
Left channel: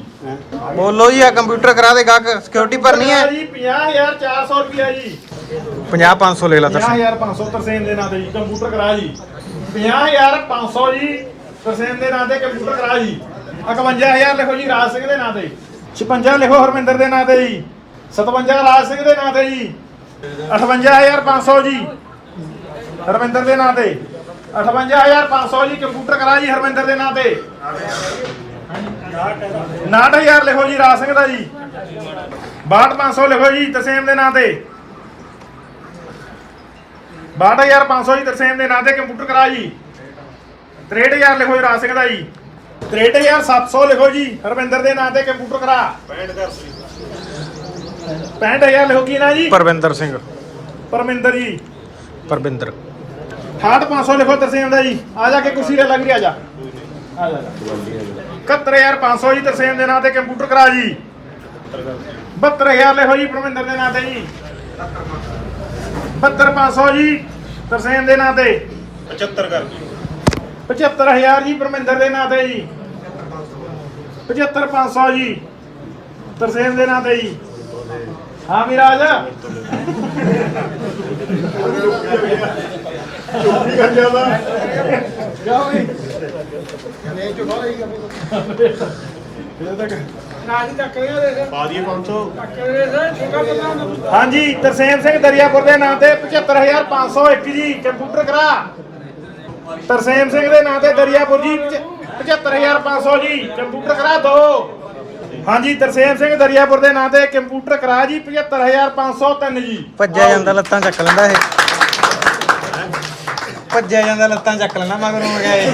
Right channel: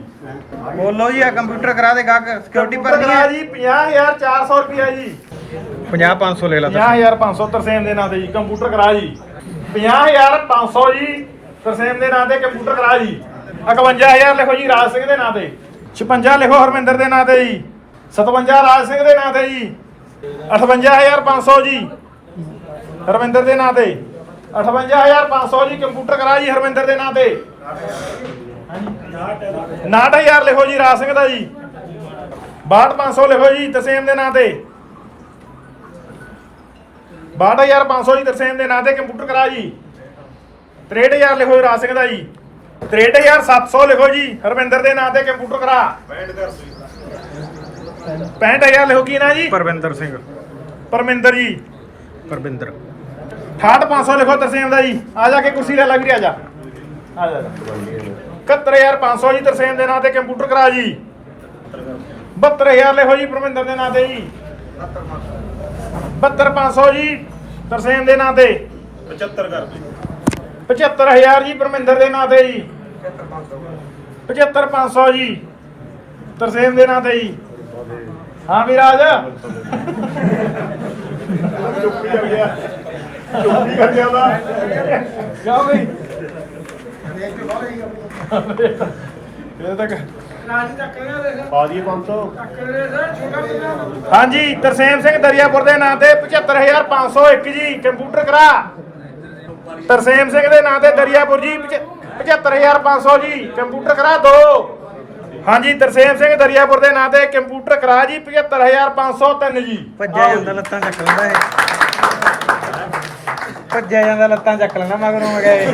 ਬੋਲੋ ਜੀ ਆ ਕੰਪਿਊਟਰ ਕਰਾ ਦੇ ਗਾਹਕ ਸਿਕਿਉਰਿਟੀ ਭਰਨੀ ਹੈ। ਜੀ 50400 ਰੁਪਿਆ ਜੀ। 50 500 ਲੈ ਲਾ ਦੱਸ 50500 ਤਰਸੇਮ ਦੇ ਨਾਂ ਤੇ ਜੀ ਕੰਪਿਊਟਰ ਕਰਾ ਜੀ। 50500 ਜੀ ਤਰਸੇਮ ਦੇ ਨਾਂ ਤੇ ਕੰਪਿਊਟਰ ਕਰਾ ਜੀ। 51000 ਲਿਖੋ ਜੀ ਰਾਜ ਸਿੰਘ ਦੇ ਨਾਂ ਤੇ। 56 ਲਿਖੋ ਹਰਮਿੰਦਰ ਦੇ ਨਾਂ ਤੇ ਜੀ। 57 ਰਾਜ ਸਿੰਘ ਦੇ ਨਾਂ ਤੇ ਜੀ। 58500 ਜੀ। ਹਰਮਿੰਦਰ ਦੇ ਨਾਂ ਤੇ। 58500 ਜੀ, ਕੰਪਿਊਟਰ ਕਰਾ ਜੀ ਹਰਮਿੰਦਰ ਦੇ ਨਾਂ ਤੇ। 69000 ਲਿਖੋ ਜੀ, ਰਾਜ ਸਿੰਘ ਦਾ ਜੀ। 62500 ਲਿਖੋ ਜੀ, ਤਰਸੇਮ ਦੇ ਨਾਂ ਤੇ। 62500 ਜੀ, ਤਰਸੇਮ ਦੇ ਨਾਂ ਤੇ ਕੰਪਿਊਟਰ ਕਰਾ ਜੀ। 63000 ਲਿਖੋ ਜੀ, ਰਾਜ ਸਿੰਘ ਦਾ ਜੀ। 63700 ਲਿਖੋ ਜੀ ਹਰਵਿੰਦਰ ਦੇ ਨਾਂ ਤੇ ਕੰਪਿਊਟਰ ਕਰਾ। 65000 ਲਿਖੋ ਕੀ ਨਾਂ ਜੀ? ਪਰਵਿੰਦਰ ਸਿੰਘ। ਪਰਮਿੰਦਰ ਜੀ। ਪਰਵਿੰਦਰ। 68500 ਲਿਖੋ ਤਰਸੇਮ ਦਾ ਜੀ। ਆ ਜਾ ਕੇ ਕੁਰਸੀ ਲੈ ਲੈ ਵੀਰੇ ਆ ਜਾ। ਆ ਜਾ। 71500 ਜੀ ਤਰਸੇਮ ਦੇ ਨਾਂ ਤੇ ਕੰਪਿਊਟਰ ਕਰਾ ਜੀ। 72000 ਲਿਖੋ ਜੀ ਪਰਮਿੰਦਰ ਦੇ ਨਾਂ ਤੇ ਜੀ। 72500 ਜੀ ਤਰਸੇਮ ਦੇ ਨਾਂ ਤੇ। 75 ਕਰ ਦਿਓ। 75000 ਜੀ ਪਰਮਿੰਦਰ ਦੇ ਨਾਂ ਤੇ ਜੀ। 75500 ਜੀ ਤਰਸੇਮ ਦੇ ਨਾਂ ਤੇ ਜੀ। ਹਾਂ ਵਿਰਾਜ। ਚੋਰੀ ਕਰ ਗਿਆ ਦਾ ਕਿਉਂ ਬਈ ਇਹ ਤੱਕ ਰਾਜੀ ਤੱਕ ਪਾ ਦਈਏ 500 ਹਾਂਜੀ ਤਰਸੇਮ ਸਿੰਘ ਦਰਿਆਪੁਰ ਦੇ ਨਾਂ ਤੇ 75501 ਜੀ। ਕੰਪਿਊਟਰ ਕਰਾ। ਤਰਸੇਮ ਸਿੰਘ ਦੇ ਨਾਂ ਤੇ ਦਰਿਆਪੁਰ ਜੀ 75500 ਜੀ ਕੰਪਿਊਟਰ ਕਰਾ ਦੋ। ਹਾਂਜੀ ਤਰਸੇਮ ਸਿੰਘ ਦਰਿਆਪੁਰ ਦੇ ਨਾਂ ਤੇ ਕੰਪਿਊਟਰ ਕਰਾ ਜੀ 75503 ਜੀ। ਭੱਜਿਆ ਜਾਂਦਾ ਲੱਤਾਂ ਚੱਕ ਲੈਂਦਾ ਇਹ। ਭੱਜਿਆ ਜਾਂਦਾ ਲੱਤਾਂ ਚੱਕ ਲੈਂਦਾ ਮਗਰੋਂ ਆ ਗਿਆ ਇਹ।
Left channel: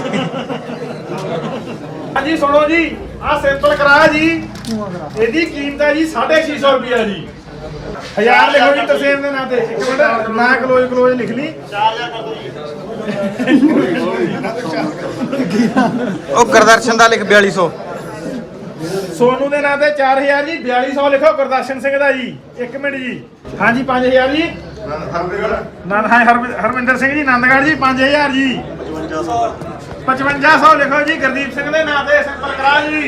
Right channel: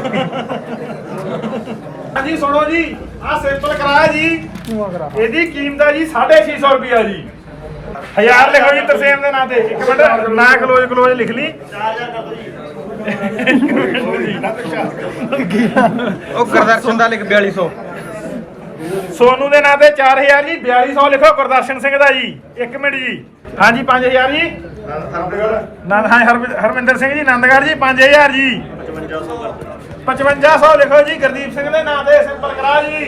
ਹਾਂਜੀ ਸੁਣੋ ਜੀ ਆਹ ਸਿੰਪਲ ਕਰਾ ਜੀ। ਇਹਦੀ ਕੀਮਤ ਹੈ ਜੀ 650 ਰੁਪਿਆ ਜੀ। ਹਜ਼ਾਰ ਲਿਖੋ ਜੀ ਤਰਸੇਮ ਦੇ ਨਾਂ ਤੇ। ਇੱਕ ਮਿੰਟ ਨਾ ਕਲੋਜ਼ ਕਲੋਜ਼ ਲਿਖ ਲਈ। ਉਹ ਗੁਰਦਰਸ਼ਨ ਦਾ ਲਿਖ 4200 ਸੋਨੂ ਦੇ ਨਾਂ ਤੇ 4000 ਜੀ 4200 ਲਿਖੋ ਗੁਰਦਰਸ਼ਨ ਸਿੰਘ ਦਾ ਜੀ। 1 ਮਿੰਟ ਜੀ। ਹਾਂਜੀ 5000 ਜੀ। ਨਾ ਹਾਂ ਹਰਵਿ- ਹਰਵਿੰਦਰ ਸਿੰਘ ਜੀ ਨੰਦਗੜ੍ਹ ਜੀ 5000 ਜੀ। 5500 ਕਰ ਦਿਓ 5500 ਲਿਖੋ ਜੀ ਗੁਰਦੀਪ ਸਿੰਘ ਦੇ ਨਾਂ ਤੇ ਸਿੰਪਲ ਕਰਾ ਜੀ।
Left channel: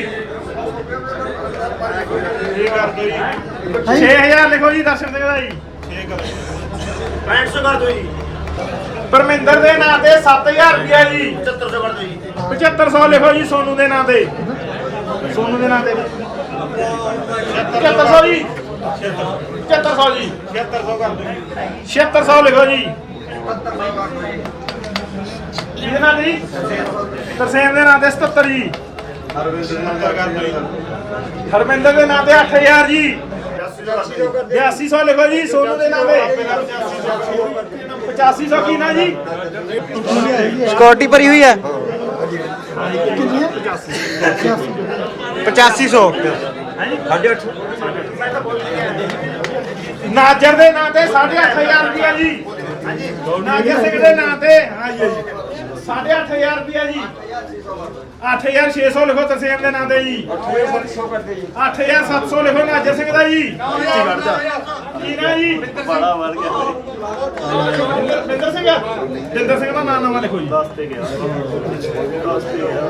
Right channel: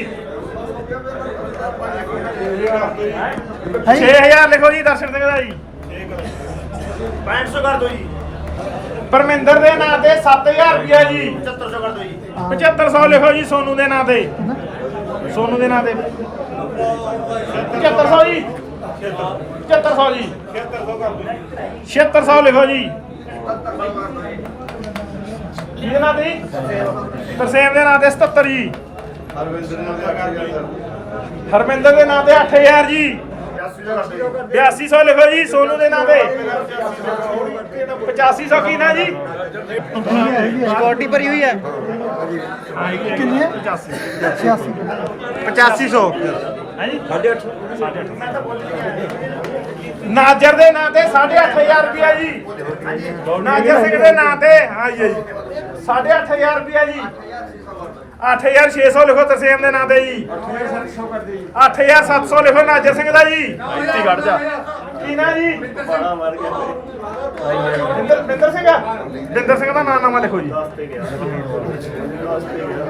6000 ਲਿਖੋ ਜੀ ਦਰਸ਼ਨ ਸਿੰਘ ਦਾ ਜੀ। 6500 ਕਰ ਦਿਓ ਜੀ। ਪਰਮਿੰਦਰ ਦੇ ਨਾਂ ਤੇ 7000 ਰੁਪਿਆ ਜੀ। 7500 ਕਰ ਦਿਓ ਜੀ। 7500 ਲਿਖੋ ਜੀ ਸੋਨੂ ਦੇ ਨਾਂ ਤੇ। ਸੋਨੂ ਦੇ ਨਾਂ ਤੇ। 7500 ਜੀ। 7500 ਜੀ। 7600 ਕਰ ਦਿਓ। 7600 ਲਿਖੋ ਜੀ। ਇਹਦੇ ਨਾਂ ਤੇ ਜੀ? ਤਰਸੇਮ ਦੇ ਨਾਂ ਤੇ 77 ਜੀ। ਹਰਮਿੰਦਰ ਦੇ ਨਾਂ ਤੇ 8000 ਜੀ। 8200 ਲਿਖੋ ਜੀ ਸੋਨੂ ਦੇ ਨਾਂ ਤੇ। 8500 ਕੀ ਨਾ ਜੀ? ਸਿਕਿਉਰਿਟੀ ਭਰੀ ਹੋਈ ਹੈ? 8500 ਨਾਜਰ ਦੇ ਨਾਂ ਤੇ 8500 ਰੁਪਇਆ ਜੀ। ਨਾਜਰ ਸਿੰਘ ਦੇ ਨਾਂ ਤੇ ਹਾਂ ਜੀ। 8500 ਰੁਪਇਆ ਜੀ। 8600 ਲਿਖੋ ਤਰਸੇਮ ਦੇ ਨਾਂ ਤੇ ਜੀ। 8700 ਲਿਖੋ ਨਾਜਰ ਸਿੰਘ ਦਾ ਜੀ। ਕੀ ਨਾ ਜੀ? ਬੜਾ ਮਾਰ ਕੇ ਬਿੰਦਰ ਬਿੰਦਰ ਸਿੰਘ ਬਿੰਦਰ ਸਿੰਘ ਦਾ ਨਾਮ ਨਾਮਾ ਲਿਖੋ ਜੀ। 10 ਤੇ ਗਿਆ। 10 ਤੇ ਗਿਆ।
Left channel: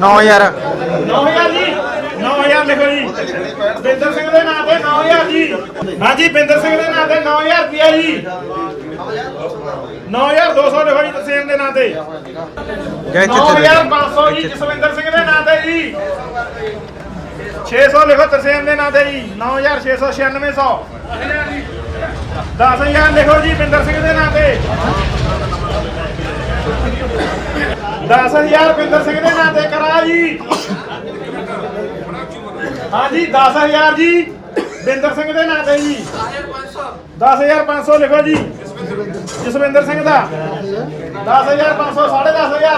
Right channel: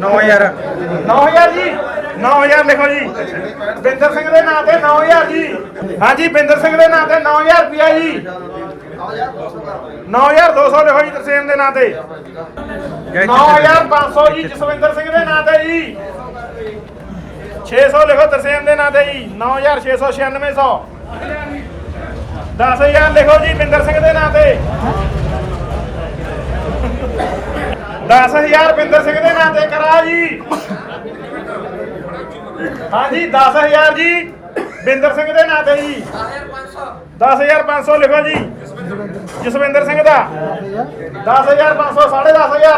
9000 9000 ਜੀ? 9000 ਲਿਖੋ ਜੀ। ਬਿੰਦਰ ਸਿੰਘ ਦੇ ਨਾਂ ਤੇ 9000 ਜੀ। ਹਾਂਜੀ ਬਿੰਦਰ ਸਿੰਘ ਦੇ ਨਾਂ ਤੇ 9000 ਰੁਪਇਆ ਜੀ। 9200 ਲਿਖੋ ਜੀ ਤਰਸੇਮ ਦੇ ਨਾਂ ਤੇ। ਗਏ ਚਿੱਤੇ 9500 ਜੀ ਜਸਵਿੰਦਰ ਸਿੰਘ ਦੇ ਨਾਂ ਤੇ ਜੀ। 600 ਲਿਖੋ ਤਰਸੇਮ ਦੇ ਨਾਂ ਤੇ ਜੀ। 9600 9600 10000 ਲਿਖੋ ਜੀ ਬਿੰਦਰ ਸਿੰਘ ਦੇ ਨਾਂ ਤੇ। 10000 ਬਿੰਦਰ ਸਿੰਘ ਦੇ ਨਾਂ ਤੇ, ਕਰਾ ਜੀ। ਹਾਂਜੀ 10000 ਜੀ, ਬਿੰਦਰ ਸਿੰਘ ਦੇ ਨਾਂ ਤੇ ਜੀ। 10500 ਲਿਖੋ ਜੀ। ਜਸਵਿੰਦਰ ਸਿੰਘ ਦਾ। 10500 10500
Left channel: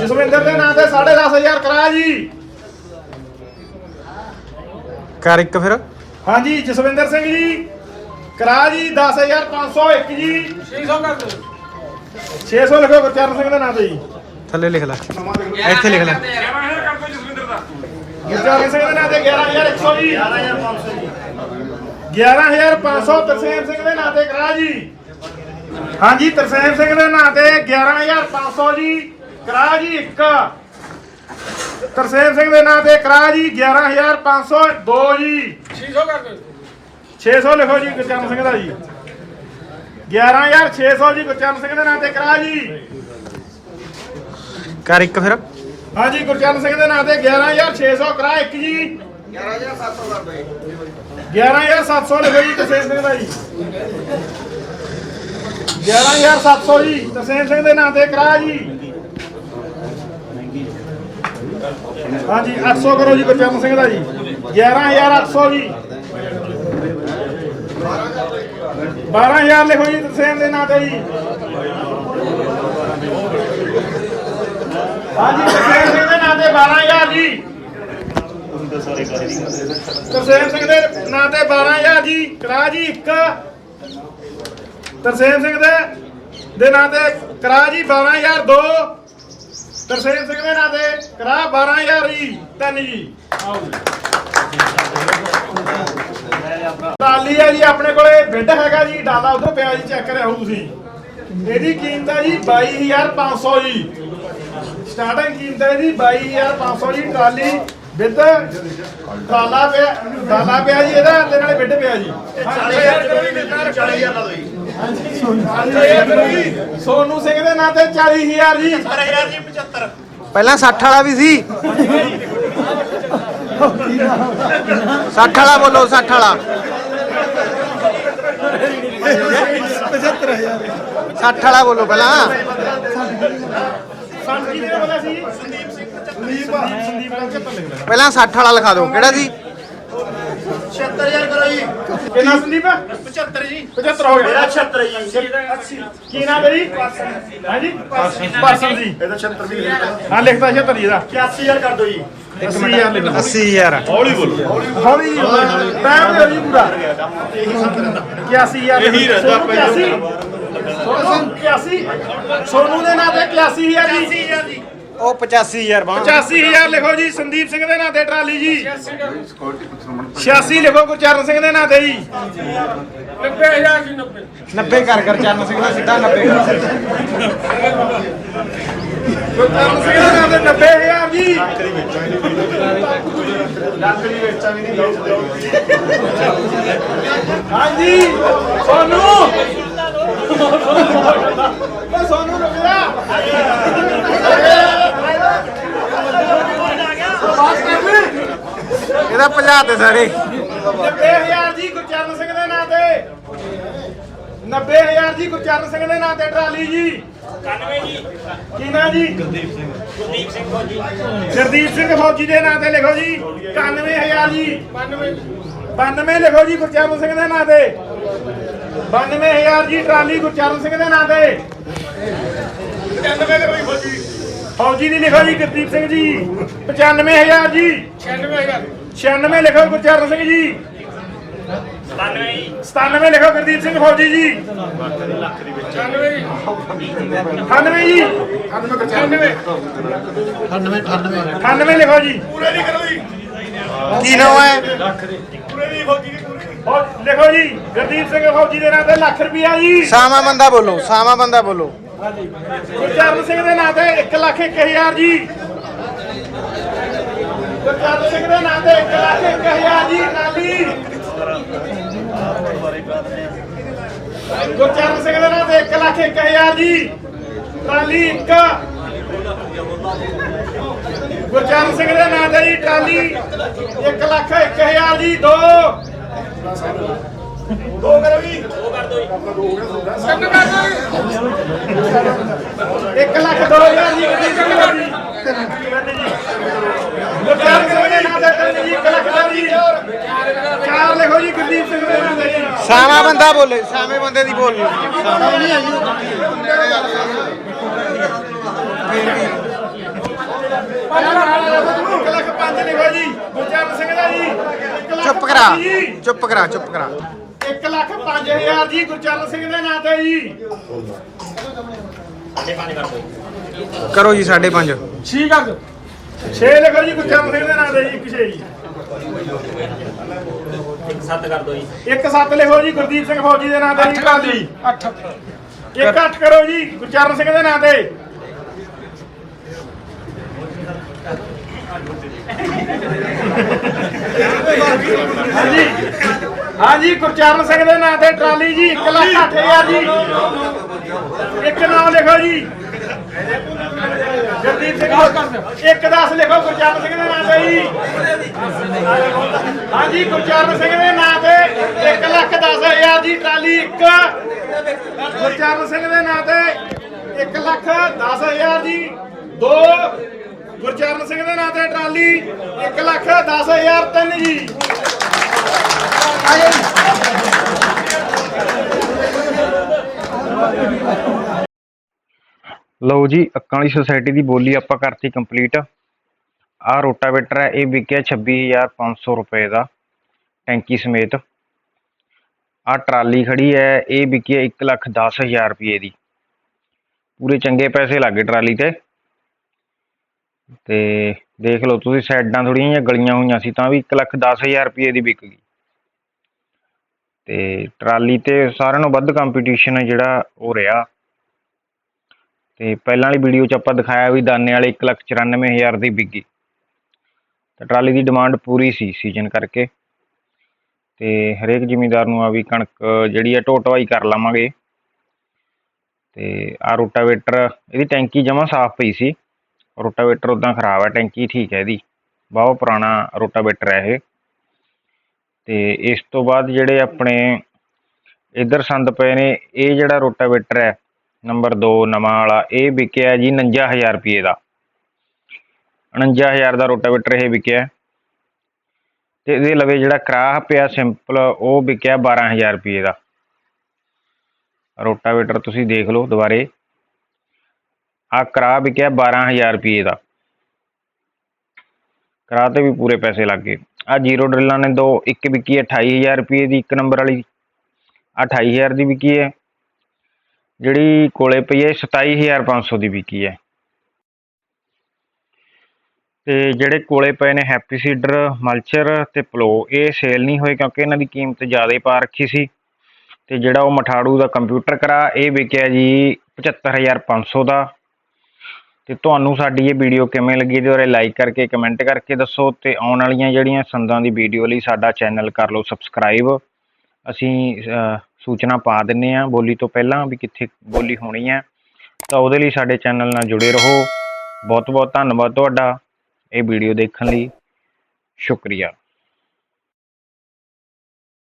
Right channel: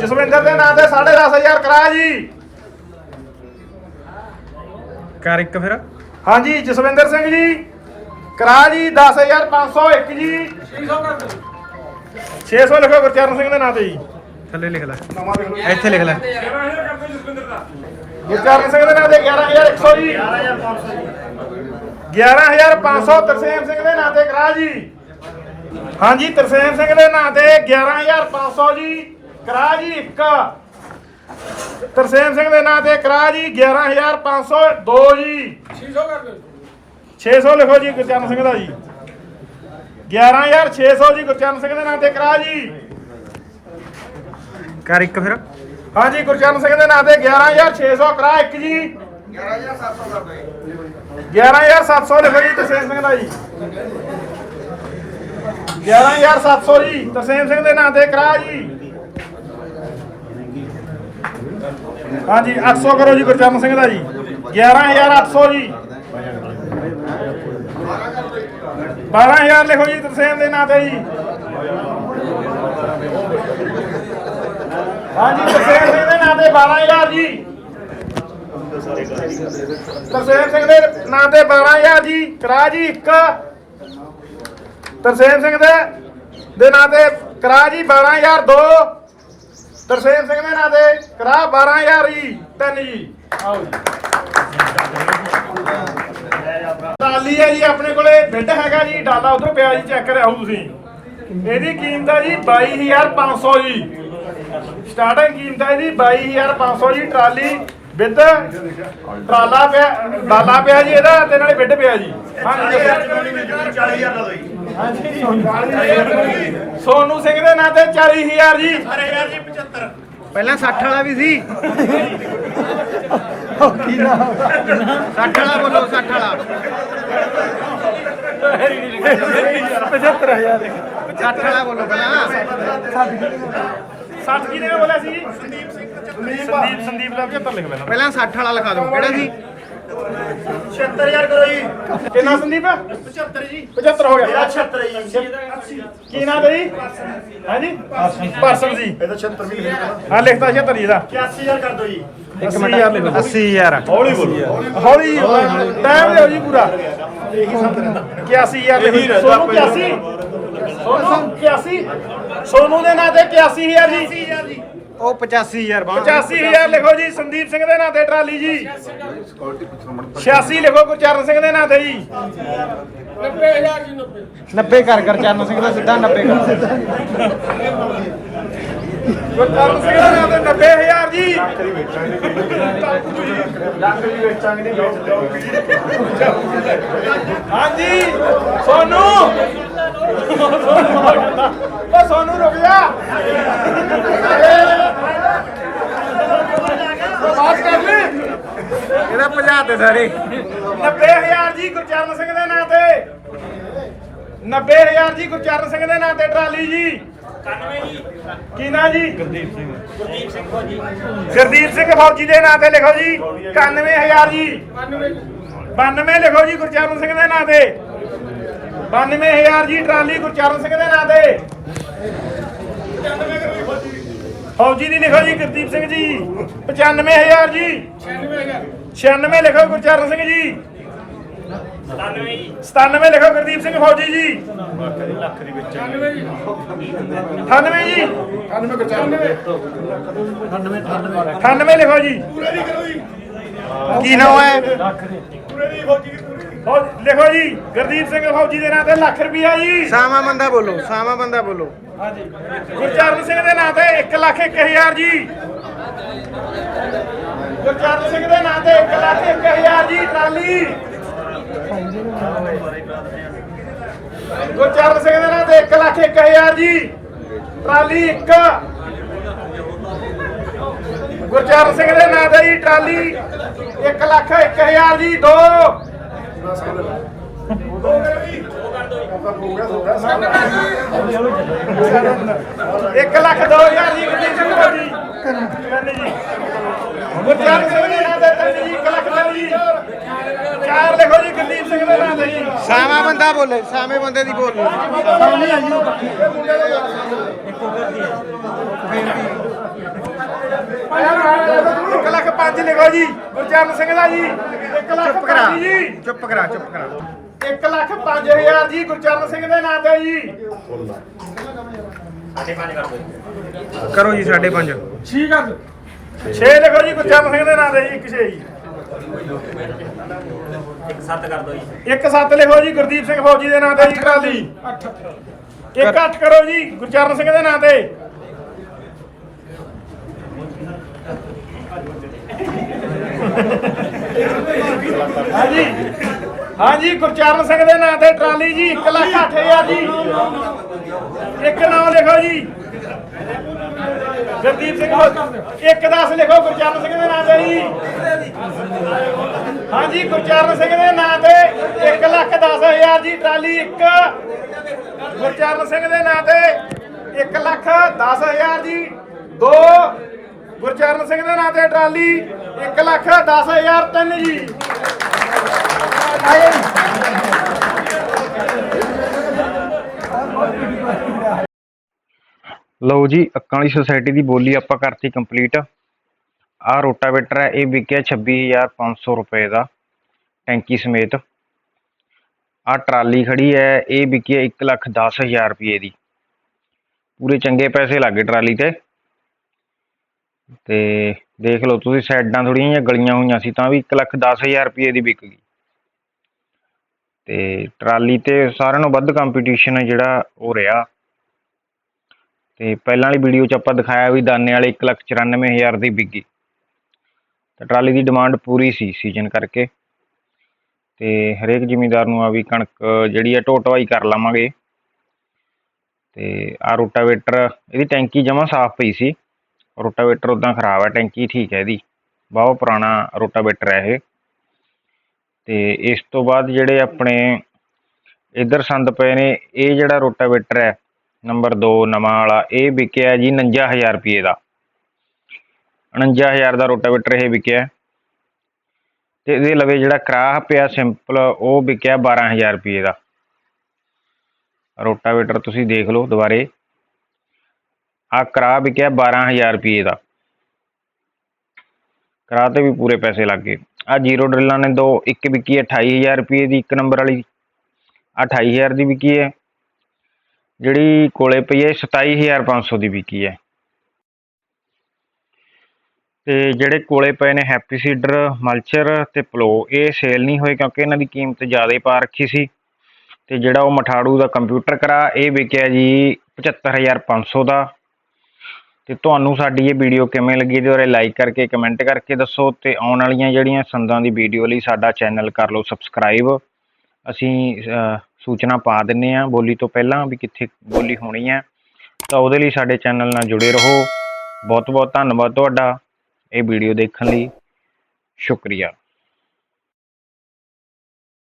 ਜਸਵਿੰਦਰ ਦੇ ਨਾਂ ਤੇ 10500 ਕਰਾ ਜੀ। ਕਰ ਇੱਕ ਫਿਰ। ਹਾਂਜੀ ਜਸਵਿੰਦਰ ਸਿੰਘ ਜੀ। ਕਰਾ ਜੀ 10501 ਜੀ 600 ਕਰ ਦਿਓ 600 ਲਿਖੋ ਗੁਰਚਰਨ ਸਿੰਘ ਦੇ ਨਾਂ ਤੇ ਜੀ। ਥੱਲੇ ਲਿਖ ਲੈ। ਇੱਥੇ ਲਿਖ ਲੈ। ਗੁਰਚਰਨ ਸਿੰਘ ਦੇ ਨਾਂ ਤੇ 11100 ਜੀ। 11500 ਤਰਸੇਮ ਸਿੰਘ ਦੇ ਨਾਂ ਤੇ ਕਰਾ ਜੀ। ਹਾਂਜੀ ਤਰਸੇਮ ਸਿੰਘ ਦੇ ਨਾਂ ਤੇ 11500 ਜੀ। ਕਰਾ ਜੀ ਇੱਕ। ਤਰਸੇਮ ਸਿੰਘ ਦੇ ਨਾਂ ਤੇ ਕਰਾ ਜੀ 11502 ਜੀ। 600 ਕਰ ਦਿਓ 600 ਲਿਖੋ ਜੀ ਗੁਰਚਰਨ ਸਿੰਘ ਦਾ ਜੀ। 11600 ਜੀ ਗੁਰਚਰਨ ਸਿੰਘ ਦੇ ਨਾਂ ਤੇ ਕਰਾ ਜੀ। ਕਰ ਇੱਕ ਫਿਰ। ਹਾਂਜੀ ਗੁਰਚਰਨ ਸਿੰਘ ਦੇ ਨਾਂ ਤੇ 11600 ਕਰਾ ਇੱਕ ਜੀ। 11700 ਲਿਖੋ ਜੀ ਤਰਸੇਮ ਸਿੰਘ ਦਾ ਜੀ। 11700 ਜੀ ਤਰਸੇਮ ਸਿੰਘ ਦੇ ਨਾਂ ਤੇ ਕਰਾ ਜੀ। ਹਾਂਜੀ 800 ਕਰੋ ਜੀ ਗੁਰਚਰਨ ਸਿੰਘ ਦਾ ਜੀ। 11800 ਜੀ। 12000 ਲਿਖੋ ਜੀ ਤਰਸੇਮ ਦੇ ਨਾਂ ਤੇ ਜੀ। ਹਾਂਜੀ, ਤਰਸੇਮ ਸਿੰਘ ਦੇ ਨਾਂ ਤੇ 12000 ਜੀ। ਤਰਸੇਮ ਸਿੰਘ ਦੇ ਨਾਂ ਤੇ 12000 ਜੀ। ਕਰਾ ਜੀ ਇੱਕ। ਤਰਸੇਮ ਸਿੰਘ ਦੇ ਦੇ ਨਾਂ ਤੇ ਕਰਾ ਜੀ 12000 ਦੋ। ਤਰਸੇਮ ਸਿੰਘ ਦੇ ਨਾਂ ਤੇ ਕਰਾ 12000 ਜੀ। ਤਿੰਨ ਜੀ। ਆਓ ਜੀ। ਟਰਾਲੀ ਹੈ ਜੀ ਆਪਣੇ ਕੋਲੇ ਬਿੱਡ ਹੈਗਾ ਜੀ ਡਾਲਾ ਉਧਰ ਪਿਆ ਜੀ ਚੈੱਕ ਕਰਿਆਓ ਤੁਸੀਂ। ਇਹਦੀ ਕੀਮਤ ਹੈ ਜੀ 22500 ਜੀ। ਸਟਾਰਟਿੰਗ ਕੀਮਤ ਹੈ ਜੀ 22500 ਜੀ ਟਰਾਲੀ ਬਿੱਦ ਟਰਾਲਾ ਪਿਆ ਡਾਲਾ ਪਿਆ ਜੀ ਇਹਦਾ ਤੇ ਨਾਲੇ ਬਿੱਡ ਪਿਆ ਜੀ। ਸੋਨੂ ਸਿੰਘ ਦੇ ਨਾਂ ਤੇ 40000 ਜੀ। ਪਹਿਲਾਂ 60 ਵਾਲਾ ਵੀ ਸੀ। 60 ਵਾਲਾ ਬੋਲੋ 60 ਵਾਲਾ। 60 ਵਾਲਾ ਬੋਲੋ ਪਹਿਲਾਂ। ਸੱਤ ਕੀ ਨੇ ਬੋਲਿਆ ਸੀ? ਸੰਦੀਪ ਸਿੰਘ ਸੰਦੀਪ ਸੰਦੀਪ ਦਾ 75 ਲਿਖ ਲੈਣਾ ਪਹਿਲਾਂ 60 ਵਾਲਾ ਲਿਖਾ ਦਿਓ। ਕਿਹੜਾ ਸੀ? 76000 ਕਰੋ ਜੀ। ਕਿੰਨਾ ਸੰਦੀਪ? 75 ਜੀ। 75 ਹੋ ਗਿਆ। 76 ਜੀ। ਕੀ ਨਾਮ ਹੈ ਜੀ? ਹਾਂਜੀ? ਪਰਸਨ ਜੀ। ਇਹਦਾ 76 ਵੀ ਹਾਂ ਲਿਖਦਾ 76 ਇਹਦਾ 81000 ਕਰ ਦਿਓ ਜੀ। ਇੱਕ ਮਿੰਟ। 80000 ਹੌਲੀ ਬੋਲੋ। ਹੌਲੀ ਟਾਈਮ ਦਿਓ ਜੀ ਪੂਰਾ। 81000 ਇਹੀ ਰਹਿਦਾ 81 ਸੋਨੂ 81 ਸੋਨੂ ਦੇ ਨਾਂ ਤੇ 81000 ਜੀ। 81000 ਜੀ। ਉਹ 85000 ਬਾਂ 85000 ਲਿਖੋ ਜੀ ਸੰਦੀਪ ਸਿੰਘ ਦੇ ਨਾਂ ਤੇ ਟਰਾਲੀ ਜੀ। 86 ਲਿਖੋ ਗੁਰਚਰਨ ਸਿੰਘ ਦੇ ਨਾਂ ਤੇ ਜੀ। 90 ਕਰ ਕਰ ਚਰਨ ਸਿੰਘ ਦਾ ਸਿੱਧਾ 90 ਕਰ ਗੁਰਚਰਨ ਸਿੰਘ ਦੇ 90000 ਜੀ ਸੋਨੂ ਜਾ। ਬਾਤ ਕਰ ਲੈ ਇਹਦਾ ਭਜਾ ਤੇ ਸਾਰੇ। 90000 ਜੀ ਗੁਰਚਰਨ ਸਿੰਘ ਦੇ ਨਾਂ ਤੇ। 90000 ਜੀ ਗੁਰਚਰਨ ਸਿੰਘ ਦੇ ਨਾਂ ਤੇ ਟਰਾਲੀ ਜੀ। 91 ਜੀ? ਕੀ ਜੀ ਗੁਰਦੀਪ ਸਿੰਘ ਗੁਰਦੀਪ ਸਿੰਘ ਫੌਜੀ ਗੁਰਦੀਪ ਸਿੰਘ ਫੌਜੀ ਦੇ ਨਾਂ ਤੇ ਲਿਖੋ ਜੀ। 91000 ਜੀ। 92 ਲਿਖੋ ਜੀ ਗੁਰਚਰਨ ਸਿੰਘ ਦੇ ਨਾਂ ਤੇ। 92000 ਜੀ ਟਰਾਲੀ ਗੁਰਚਰਨ ਸਿੰਘ ਦੇ ਨਾਂ ਤੇ। ਫੌਜੀ ਫੌਜੀ ਦੀ ਲਿਖੋ ਜੀ ਗੁਰਦੀਪ ਸਿੰਘ ਜੀ। 95000 ਜੀ। 96000 96 ਲਿਖੋ ਗੁਰਚਰਨ ਸਿੰਘ ਜੀ। 97 ਲਿਖੋ ਗੁਰਦੀਪ ਸਿੰਘ ਫੌਜੀ ਜੀ। 98 ਜੀ। 98 ਲਿਖੋ ਜੀ। ਪੂਰੇ ਨਹੀਂ ਕਰੋ ਜੀ ਕੀ ਨਾਮ ਹੈ? ਪੂਰੇ ਨਹੀਂ ਫੌਜੀ ਦੀ ਪੂਰੇ ਲਿਖੋ ਜੀ ਗੁਰਦੀਪ ਸਿੰਘ ਫੌਜੀ ਦੇ ਨਾਂ ਤੇ ਲੱਖ ਰੁਪਿਆ ਜੀ। ਸਾਵਾ ਬੰਦਾ ਬੋਲੋ ਸਾਵਾ ਬੰਦਾ ਬੋਲੋ। ਗੁਰਚਰਨ ਸਿੰਘ ਦੇ ਨਾਂ ਤੇ 1 ਲੱਖ 1000 ਜੀ। ਗੁਰਚਰਨ ਸਿੰਘ ਦੇ ਨਾਂ ਤੇ 1 ਲੱਖ 1000 ਜੀ ਟਰਾਲੀ ਗੁਰਚਰਨ ਸਿੰਘ ਦੇ ਨਾਂ ਤੇ 1 ਲੱਖ 1000 ਜੀ ਟਰਾਲੀ 1 ਗੁਰਚਰਨ ਸਿੰਘ ਦੇ ਨਾਂ ਤੇ ਜੀ ਟਰਾਲੀ 1 ਲੱਖ 1000 ਜੀ 2 ਦੋ ਕਰੋ ਜੀ। ਇੱਕ ਲੱਖ ਦੋ ਹਜ਼ਾਰ ਜੀ ਕਿੰਨੀ ਸਿੰਘ ਦਾ ਜੀ। ਗੁਰਦਾਰ ਕਰੋ ਜੀ ਨਾ ਤੇ ਤਿੰਨ ਜੀ ਇੱਕ ਲੱਖ ਦਾ ਜੀ। ਚਾਰ ਲਿਖੋ ਜੀ ਗੁਰਦੀਪ ਸਿੰਘ ਦੇ ਨਾਮ ਤੇ ਜੀ। ਸਾਵਾ ਬੰਦਾ ਬੋਲੇ ਸਾਵੇਂ ਬੰਦੇ ਦੀ ਬੋਲ ਇੱਕ ਲੱਖ ਪੰਜ ਲਿਖੋ ਜੀ ਗੁਰਚਰਨ ਸਿੰਘ ਦਾ ਜੀ। ਇੱਕ ਲੱਖ ਚੁੱਪ ਕਰਾ ਚੁੱਪ ਕਰਾ ਚੁੱਪ ਕਰਾ। 1 ਲੱਖ 5000 ਜੀ ਗੁਰਚਰਨ ਸਿੰਘ ਦੇ ਨਾਂ ਤੇ ਜੀ। ਕਰੋ ਜੀ 5.5 ਠੀਕ ਆ 6 ਲਿਖੋ ਜੀ ਗੁਰਚਰਨ ਸਿੰਘ ਦੇ ਨਾਂ ਤੇ ਜੀ 1 6 ਜੀ। ਸੱਤ ਕਰ ਦਿਓ ਜੀ। ਇੱਕ ਸੱਤ ਲਿਖੋ ਜੀ ਗੁਰਦੀਪ ਸਿੰਘ ਫੌਜੀ ਦੇ ਨਾਂ ਤੇ ਜੀ 8 ਇੱਕ 8 ਕਰੋ ਜੀ ਗੁਰਚਰਨ ਸਿੰਘ ਦੇ ਨਾਂ ਤੇ। ਹਾਂਜੀ। ਹਾਂਜੀ, ਗੁਰਚਰਨ ਸਿੰਘ ਦੇ ਨਾਂ ਤੇ ਟਰਾਲੀ ਜੀ 1 ਲੱਖ 8000 ਜੀ। ਇੱਕ ਨਾਮ ਲਿਖੋ ਜੀ। ਗੁਰਦੀਪ ਸਿੰਘ ਇੱਕ 10 ਲਿਖੋ, ਗੁਰਚਰਨ ਸਿੰਘ ਦੇ ਨਾਂ ਤੇ ਜੀ। ਹਾਂਜੀ, ਗੁਰਚਰਨ ਸਿੰਘ ਦੇ ਨਾਂ ਤੇ 1 ਲੱਖ 10000 ਜੀ ਟਰਾਲੀ, ਇੱਕ ਗੁਰਚਰਨ ਸਿੰਘ ਦੇ ਨਾਂ ਤੇ 1 ਲੱਖ 10000 ਜੀ ਦੋ ਗੁਰਚਰਨ ਸਿੰਘ ਦੇ ਨਾਂ ਤੇ ਟਰਾਲੀ 1 ਲੱਖ 10000 ਤਿੰਨ ਜੀ। ਲਓ ਜੀ ਅੱਕਾਂ ਵਾਲੀ ਸੁਸਾਇਟੀ ਦੀ ਬੋਲੀ ਆਪਾਂ ਕਰਤੀ ਕੰਪਲੀਟ ਆਹ ਰੋਟਾਵੇਟਰ ਹੈ, ਇਹ ਵਿਕਿਆ 26500 ਰੁਪਏ ਦਾ, ਟੈਂਕੀ ਸਮੇਤ। ਆਹ ਟਰਾਲੀ ਖੜੀ ਹੈ, ਇਹ ਵਿਕੀ 110000 ਰੁਪਏ ਦੀ। ਪੂਰੇ ਚੰਗੇ ਪੈਸੇ ਲੱਗੇ ਟਰਾਲੀ ਤੇ। ਤੇ ਦੇਖ ਲਓ, ਤੁਸੀਂ ਸਾਈਡਾਂ ਥੋੜੀਆਂ ਜਿਹੀਆਂ ਗਲੀਆਂ ਹੋਈਆਂ ਸੀ, ਤਾਂ ਵੀ 110000 ਰੁਪਏ ਦੀ ਵਿਕ ਗਈ। ਤੇ ਟਰਾਲੀ ਤੇ ਸਾਰਿਆਂ ਨਾਲੋਂ ਵੱਧ ਕੰਪੀਟੀਸ਼ਨ ਹੈ ਜਿਹੜਾ ਉਹ ਰਿਹਾ। ਤੇ ਪਹਿਲਾਂ ਵਾਲੀ ਵੀਡੀਓ 'ਚ ਆਪਾਂ ਦਿਖਾਇਆ ਵੀ ਦਾਨੇ ਵਾਲੇ 194000 ਦੀ ਵਿਕੀ। ਤਾਂ ਟਰਾਲੀ ਦੀ ਡਿਮਾਂਡ ਪੂਰੀ ਸੀ ਸੀਜ਼ਨ ਕਰਕੇ। ਤੇ ਹਰੇਕ ਜ਼ਿਮੀਂਦਾਰ ਨੂੰ ਆ ਵੀ ਕਣਕ ਜਿਹੜੀ ਹੈ ਢੋਟਵਾਈ ਕਰ ਲਵਾਂਗੇ। ਤੇ ਆ ਰੋਟਾਵੇਟਰ, ਇਹਦੀ ਟੈਂਕੀ ਜਮਾਂ ਸਾਫ਼ ਪਈ ਸੀ। ਰੋਟਾਵੇਟਰ ਉਦਾਂ ਖਰਾਬ ਹੈ ਟੈਂਕੀ ਠੀਕ ਹੈ ਇਹਦੀ। ਬਹੁਤ ਪੁਰਾਣਾ ਰੋਟਾਵੇਟਰ ਹੈ ਇਹ। ਤੇ ਇਸ ਤੋਂ ਬਾਅਦ ਜਿਹੜੇ ਆਪਣੇ ਇੱਧਰ ਸੰਦ ਪਏ ਨੇ, ਇਹ ਜਿਹੜਾ ਰੋਟਾਵੇਟਰ ਹੈ, ਨੰਬਰ 2 ਨਵਾਂ ਵਾਲਾ, ਇਹ ਵਿਕਿਆ ਜੀ 49000 ਰੁਪਏ ਦਾ। 49000 ਦਾ ਰੋਟਾਵੇਟਰ ਇਹ ਵਿਕਿਆ ਤੇ ਇਹਦੇ ਲਵੇ ਜਿਹੜਾ ਕਰਾਹ ਪਿਆ ਸਿੰਪਲ, ਉਹ ਵਿਕਿਆ 12000 ਰੁਪਏ ਦਾ। ਰੋਟਾਵੇਟਰ ਤੁਸੀਂ ਦੇਖ ਲਓ ਦੁਬਾਰੇ। ਆ ਕਰਾਹ ਵਿਕਿਆ 12000 ਰੁਪਏ ਦਾ। ਕਰਾਹ ਤੇ ਵੀ ਪੂਰੇ ਪੈਸੇ ਲੱਗ ਗਏ। ਆ ਜ਼ੀਰੋ ਡਰਿਲਾਂ ਨੇ ਦੋ, ਇੱਕ ਵਿਕੀ ਹੈ 28000 ਰੁਪਏ ਦੀ, ਇੱਕ ਨੰਬਰ ਵਾਲੀ ਆ 28000 ਦੀ ਵਿਕੀ ਹੈ। ਜਿਹੜੀ ਕੋਲੇ ਪਈ ਹੈ 27500 ਦੀ ਵਿਕੀ ਹੈ। ਤੇ ਜਿਹੜੇ ਕੋਲੇ ਪਏ ਨੇ ਹੈਪੀ ਸੀਡਰ, ਮਲਚਰ ਤੇ ਪਲੋ, ਇਹ ਸੇਲ ਨਹੀਂ ਹੋਏ ਕਿਉਂਕਿ ਇਹਨਾਂ ਦੀ ਕੀਮਤ ਜ਼ਿਆਦਾ ਪਾ ਰੱਖੀ ਸੀ। ਤੇ ਜਿਹੜਾ ਉਹ ਮਠਾੜੂ ਦਾ ਕੰਪਿਊਟਰ ਕਰਾ, ਇਹ ਵਿਕਿਆ ਜੀ 75500 ਦਾ। ਤੇ ਤੁਹਾਨੂੰ ਸਾਡੀ ਇਹ ਵੀਡੀਓ ਕਿਵੇਂ ਲੱਗੀ ਇਹਦੇ ਬਾਰੇ ਲਾਈਕ ਕਰਕੇ ਕਮੈਂਟ ਕਰਕੇ ਦੱਸੋ ਤੇ ਆਉਣ ਵਾਲੀਆਂ ਜਿਹੜੀਆਂ ਸੰਦਾਂ ਦੀ ਵੀਡੀਓ ਲਈ ਸਾਡਾ ਚੈਨਲ ਕਰ ਲਓ ਸਬਸਕ੍ਰਾਈਬ ਅਸੀਂ ਸੂਚਨਾ ਪਾ ਦਿੰਨੇ ਆ ਬੋਲੀ ਤੋਂ ਪਹਿਲਾਂ ਵੀ ਕਿੱਥੇ ਬੋਲੀ ਹੋਣੀ ਹੈ। ਤਾਂ ਉਹਦੇ ਲਈ ਸਾਡੇ ਚੈਨਲ ਨਾਲ ਜੁੜੇ ਰਹੋ। ਬਹੁਤ ਬਹੁਤ ਧੰਨਵਾਦ ਤੁਹਾਡਾ ਇਹ ਵੀਡੀਓ ਦੇਖਣ ਲਈ। ਸ਼ੁਕਰੀਆ।